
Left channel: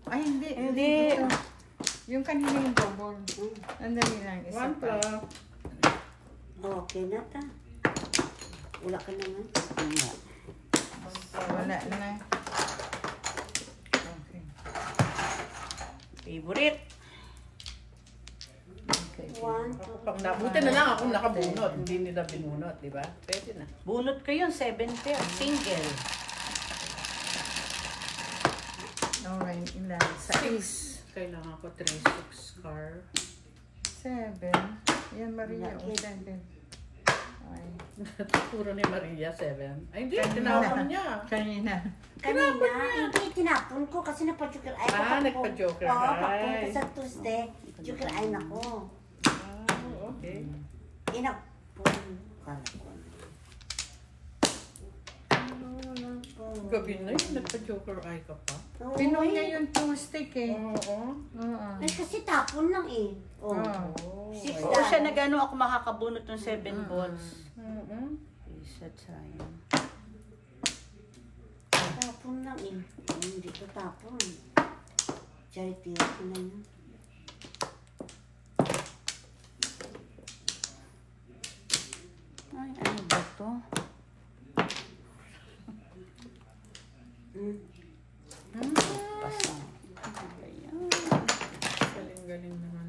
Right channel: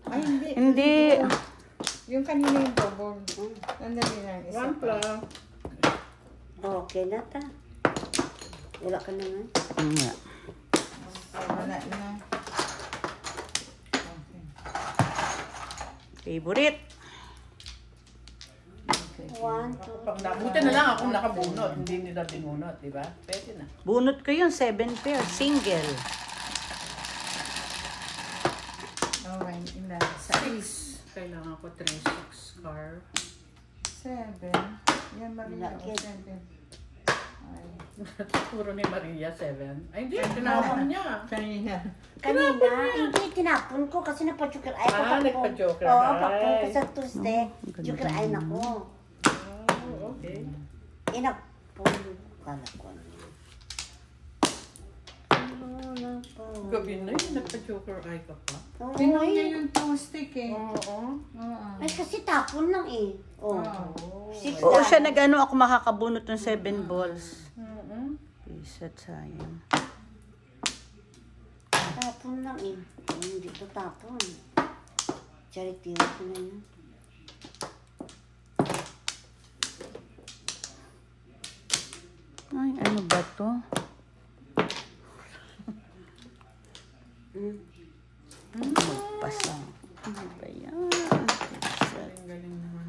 Ay, hindi. Hindi. Yung kanina yung double. Nandali lang. Isa 1 pa. plus. Okay na ta. Wala ka naman. Wala na. Okay. Favorite. Okay. One, Ako pang buti na lang akong nakabunot, hindi nila binunot, di ba? Pwede na. Bunot ko yung 7 pair. Single. Okay, ilan? Sa 6. Kailangan ko 3, 6 car. 7. Yan, Maria. O, 7. Ay. Puro ni Maria, 7. Ay, hindi. Tinapon niya. Kanina. kanina, hindi tinapon ko kasi napa-joker eye ko. Ah, nagpa-joker Oo, eye. papunta sa Tuesday. Joker eye na ko. Oh, okay. Inapon. Kala ko. Gabi na yun, nagpa-joker eye ka pa. Pinuha niya yung 2 stick eh. Oo. Oo. Ay, kasi tapon lang eh. Oh. Oo. Six Oo, lang. siya nag-ano ako makakabunot ng 7 balls. Oo. Isa't sayang. Tapon lang eh. Hindi ko tapon. Charity ko na yun. Ay, ano ba to? Pasang. Ano ba yan? Galing-galing naman.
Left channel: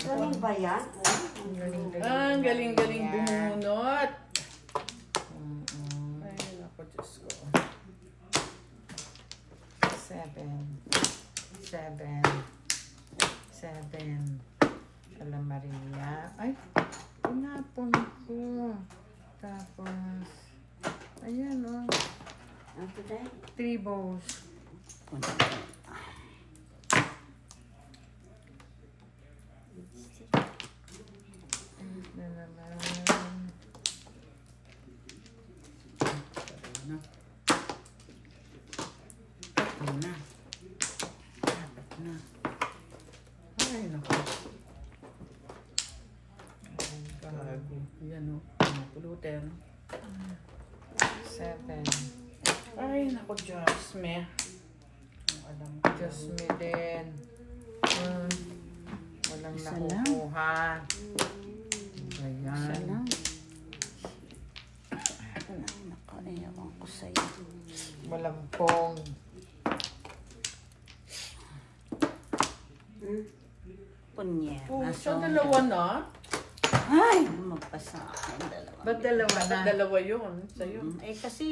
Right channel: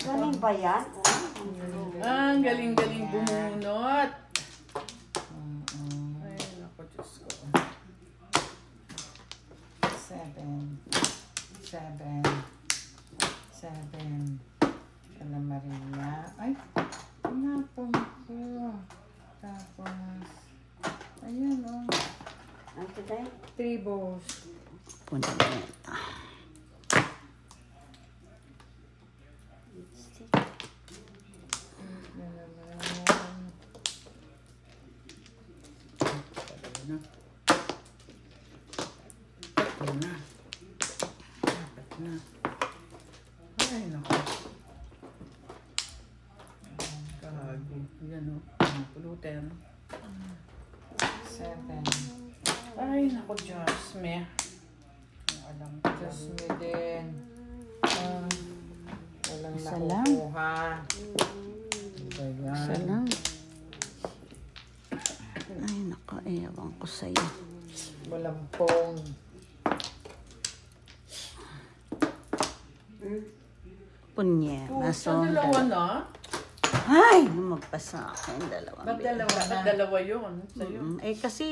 Galing ba yan? Ah, ang galing-galing bumunot. Ay, naku, Diyos ko. 7. 7. 7. Wala Maria. Ay, pinapon ko. Tapos, ayun o. Ano tayo? 3 balls. Punta ko. Na naman. Tatlo na. Tatlo na. Apat na. Ay, naku. Kahago. Yan o. Pulutin. 7. Ay, naku, Jasmine. Ang alam ko lang. Jasmine din. Walang Isa lang. nakukuha. Isa Ayan. lang. Ay, nakaiyawan ko sa'yo. Walang pong. Punye. Sa dalawa na? Ay, magpasa ako ang dalawa. Ba't dalawa Dapat na? dalawa yun. Sa'yo. Eh, kasi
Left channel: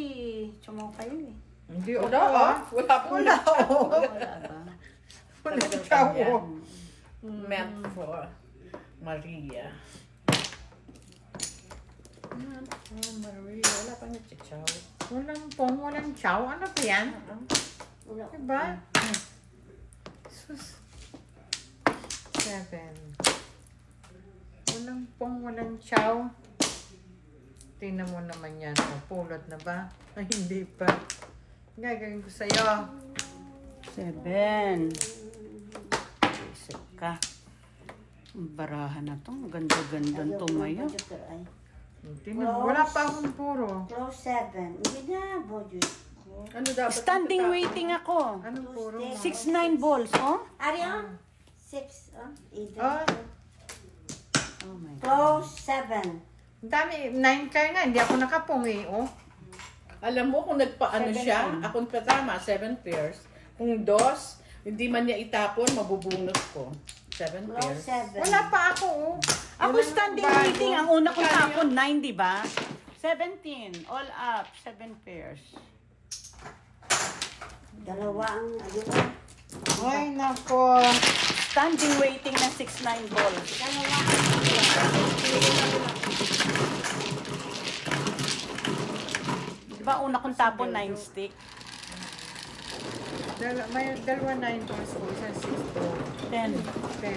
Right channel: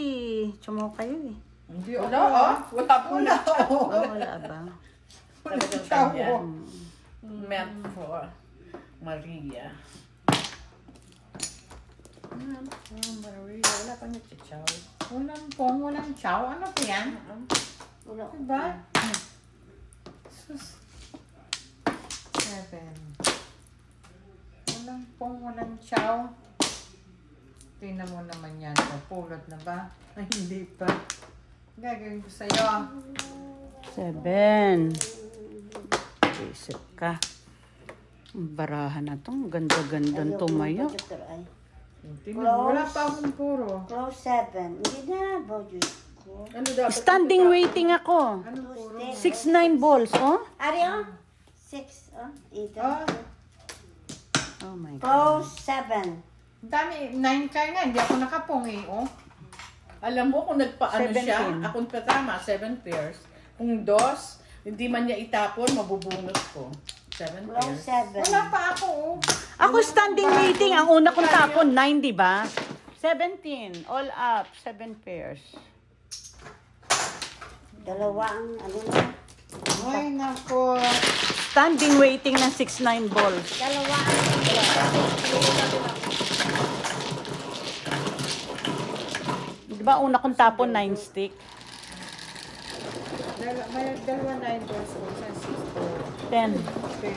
chumo kayo eh. Hindi Wala ako. ah. Wala po na. Wala ba? Talagang Chow. kanya. Meant for Maria. Maria. Wala pa niya si Chow. Walang pong, walang chow. Ano pa yan? Wala. Diba? Sus. 7. Walang pong, walang chow. Tingnan mo naman yan. O, pulot na ba? Ay, hindi pa. Gagawin ko sa'yo. 7. Isip ka. Ang barahan na to. Ganda-gandang tumayo. Wala pa akong puro. Close 7. Hindi na, Diyos ko. Ano dapat? Standing waiting ako. Anong puro? 6-9 balls, oh. Ari, oh. 6, oh. Either. Oh. Oh my God. Close 7. Ang dami, 9 kaya nga. Hindi ako nakapong eh, oh. Alam mo kung nagpaano 17. siya, akong tama, 7 pairs. Kung dos, hindi man niya itapon, mabubunot ko. 7 Close pairs. 7. Wala pa ako, oh. Ako standing waiting. Ang una kong tapon, 9, di ba? 17. All up. 7 pairs. Dalawa ang, ano, Ay, nako. Standing waiting na 6-9 balls. dalawa Di ba una kong tapon, 9 stick? May dalawa 9 balls ko. 10. 10.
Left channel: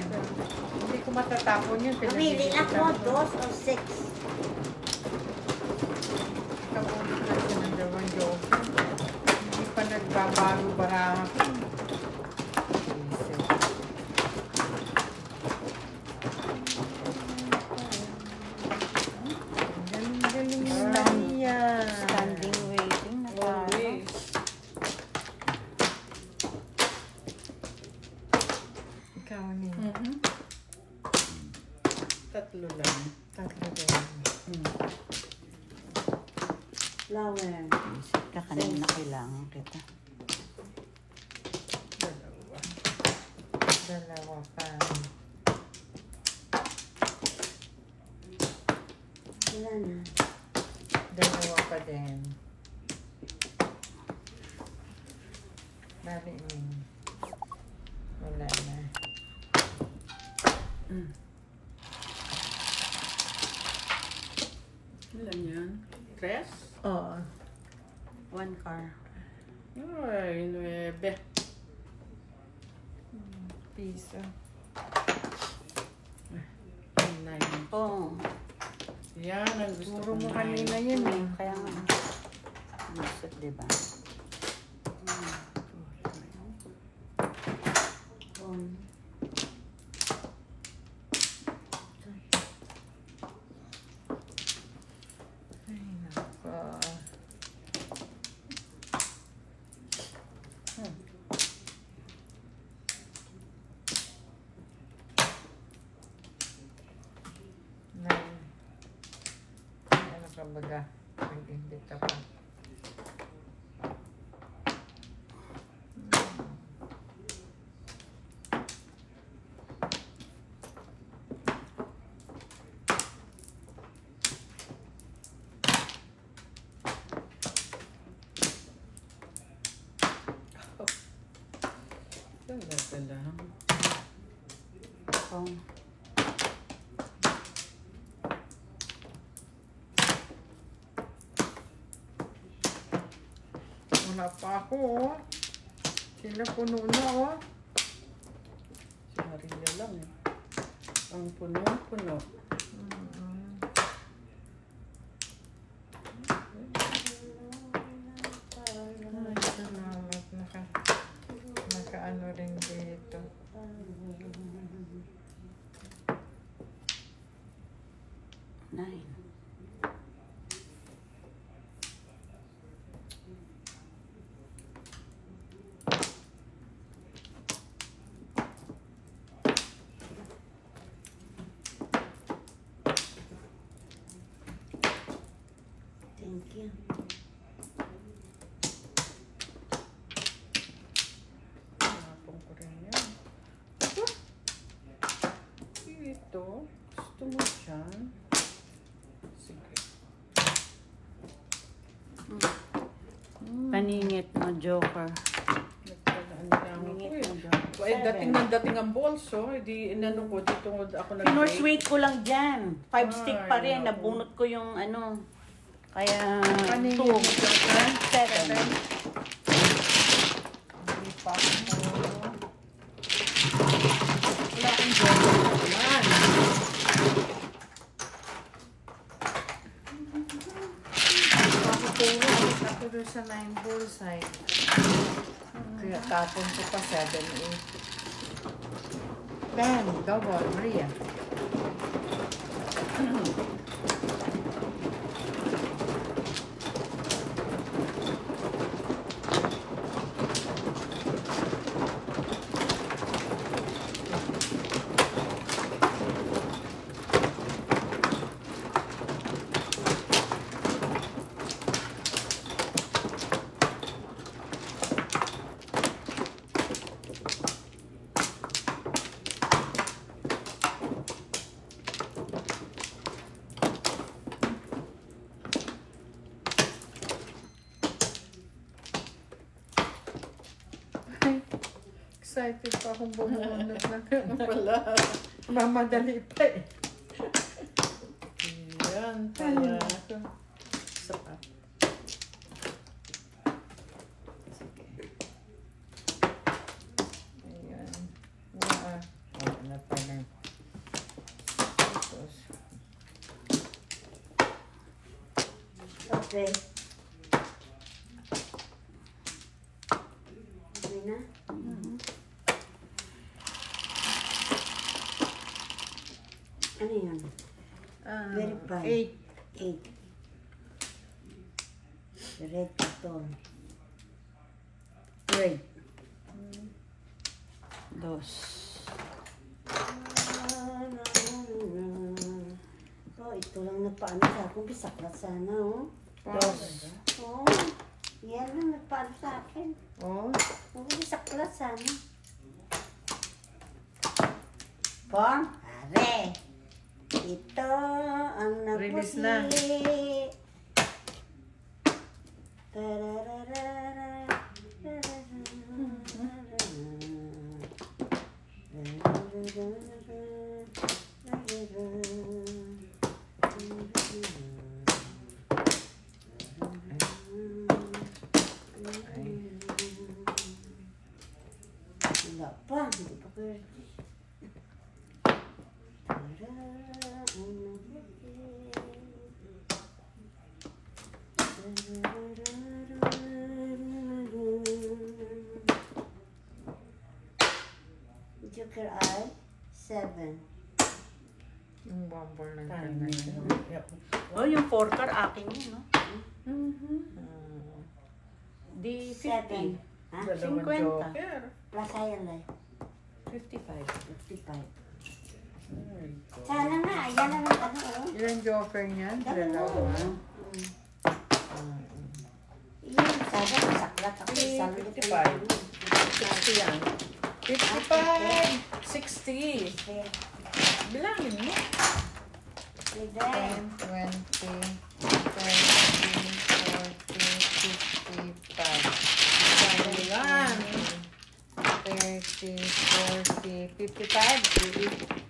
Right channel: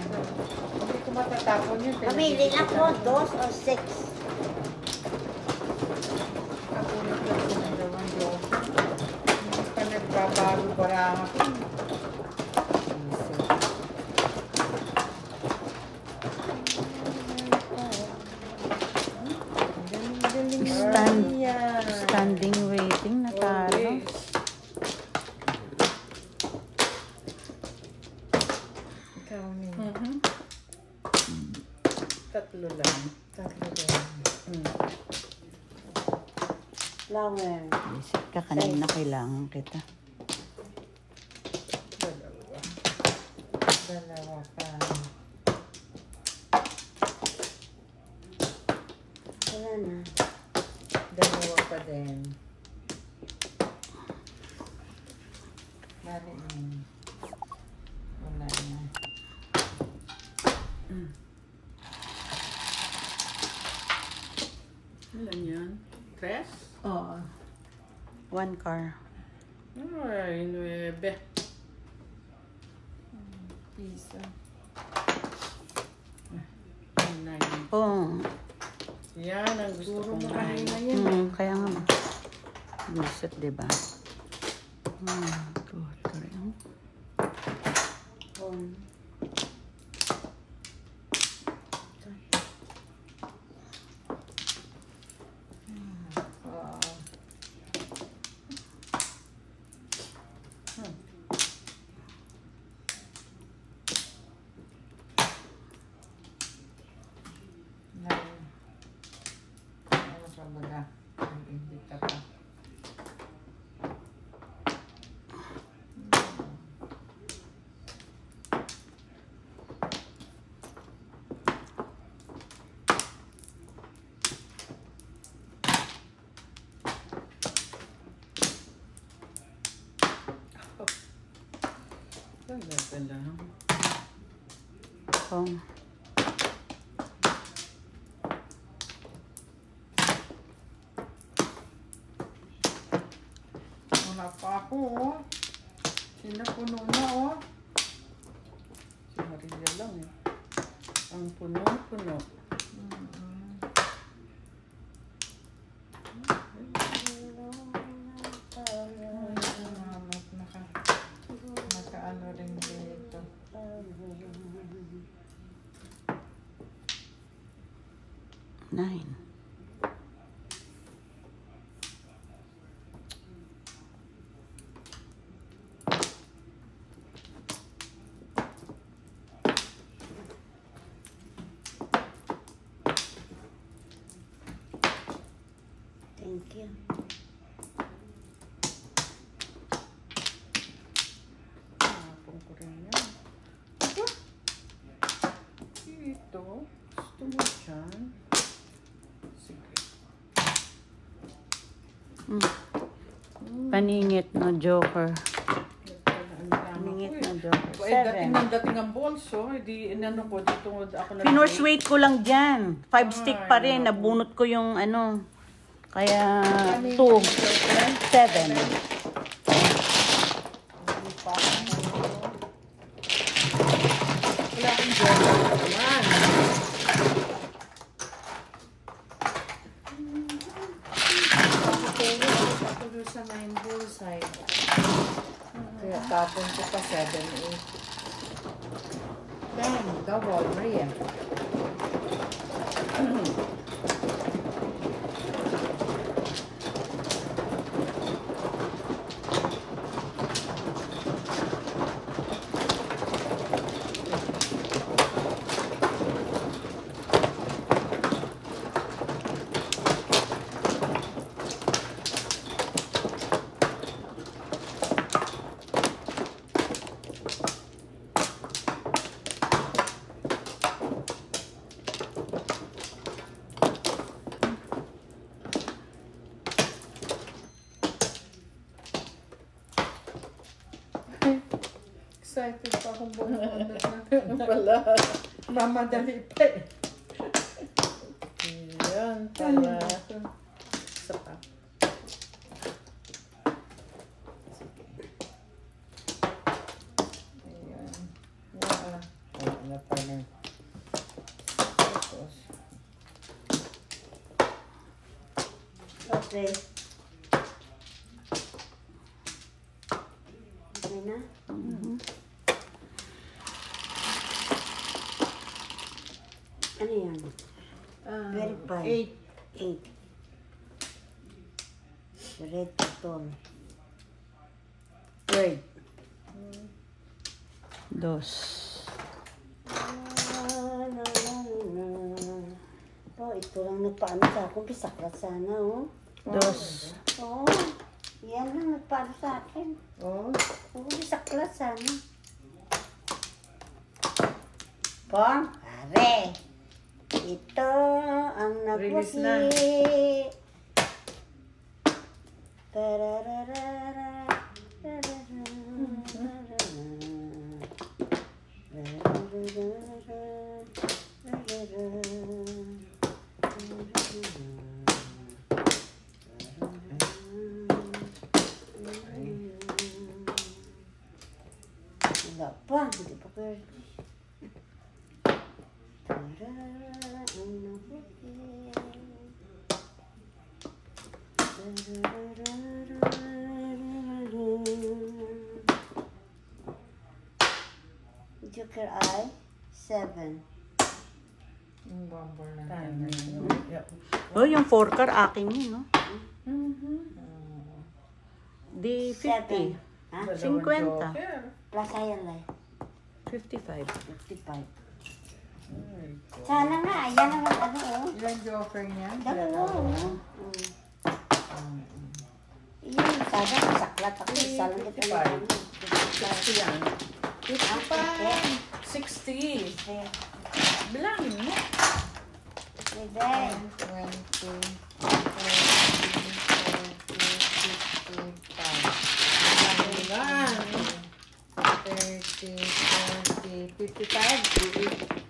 Hindi ko matatapon yun. Pamili ako, 2 o 6. Kapunin ko ito ng dalawang Diyos. Hindi pa nagbabago-baraha ko. Galing-galing yan. Standing waiting na tayo. Always. Ikaw ni. Tatlo lang. Tatlo din. Flower. Isip ka kanina kailangan kita. Dalawa. Dalawa pa. Wala na. Dalawa pa din. Bali yun. Wala na. Ilan yan? 3? Oo. 1 car. Ay, 9. Piso. 9. Oh. Yan ang gusto Puro kong mo kanina 9. yun eh. Kaya nga. Buset, di ba? 1, 2, 3. 1. Ano pa baga? Hindi ka pa. Talaga lang. Oh. Wala pa ako, oh. Sila puno na, oh. Si Maria lang eh. Ang puno-puno. Salamat. Naka-ano rin dito. 9. Thank you. Tapon ko rin yan. Ito. Ito. Gusto mo dyan? Sige. Paningit na joker. Nagtalaan lang ako eh. Eh, dating ang bolso. Hindi, inano ko, dito ako nag-break. Pinorse ko lang dyan. 5 stick pa rin. Nabunot ko yung ano. Kaya 2, 7. Wala akong joker naman. Ako doon sa 9 bullseye. Kaya tapon ko pa 7, 8. Damn, double, Maria. Excited pa akong bumulit na pala. Mamadali pa eh. Yan pala. Isa pa. Ayan. Ano pala. Tapos. Okay. Okay na? Ano yan? 25. 8. Red cotton. Red. 2. Oh, ito lang nagpaano sa akin. Pisaklat sana, oh. 2. Oh, yan lang nagpaano sa akin. Oh. Oh, pisaklat sana. Pong, pare. Ito ang Release na. nagpusi. Wala pa, hindi pa pwede. Joker eye 7. Yung bomber na. Oh, yung 4 car akin yun, no? Di 7. 50. Ha? Dalawang 50. joker. Plus ayan lang. 55. 55. Ay, Sana nga, ayan naman ano oh. Ilan joker niya? Dalawa. Iyon, sana masaklat ako. Sana ito 55. Kasi yan. 55. 60. Bilangin mo. Pwede. 20, Bilangin. 30, 40, 55.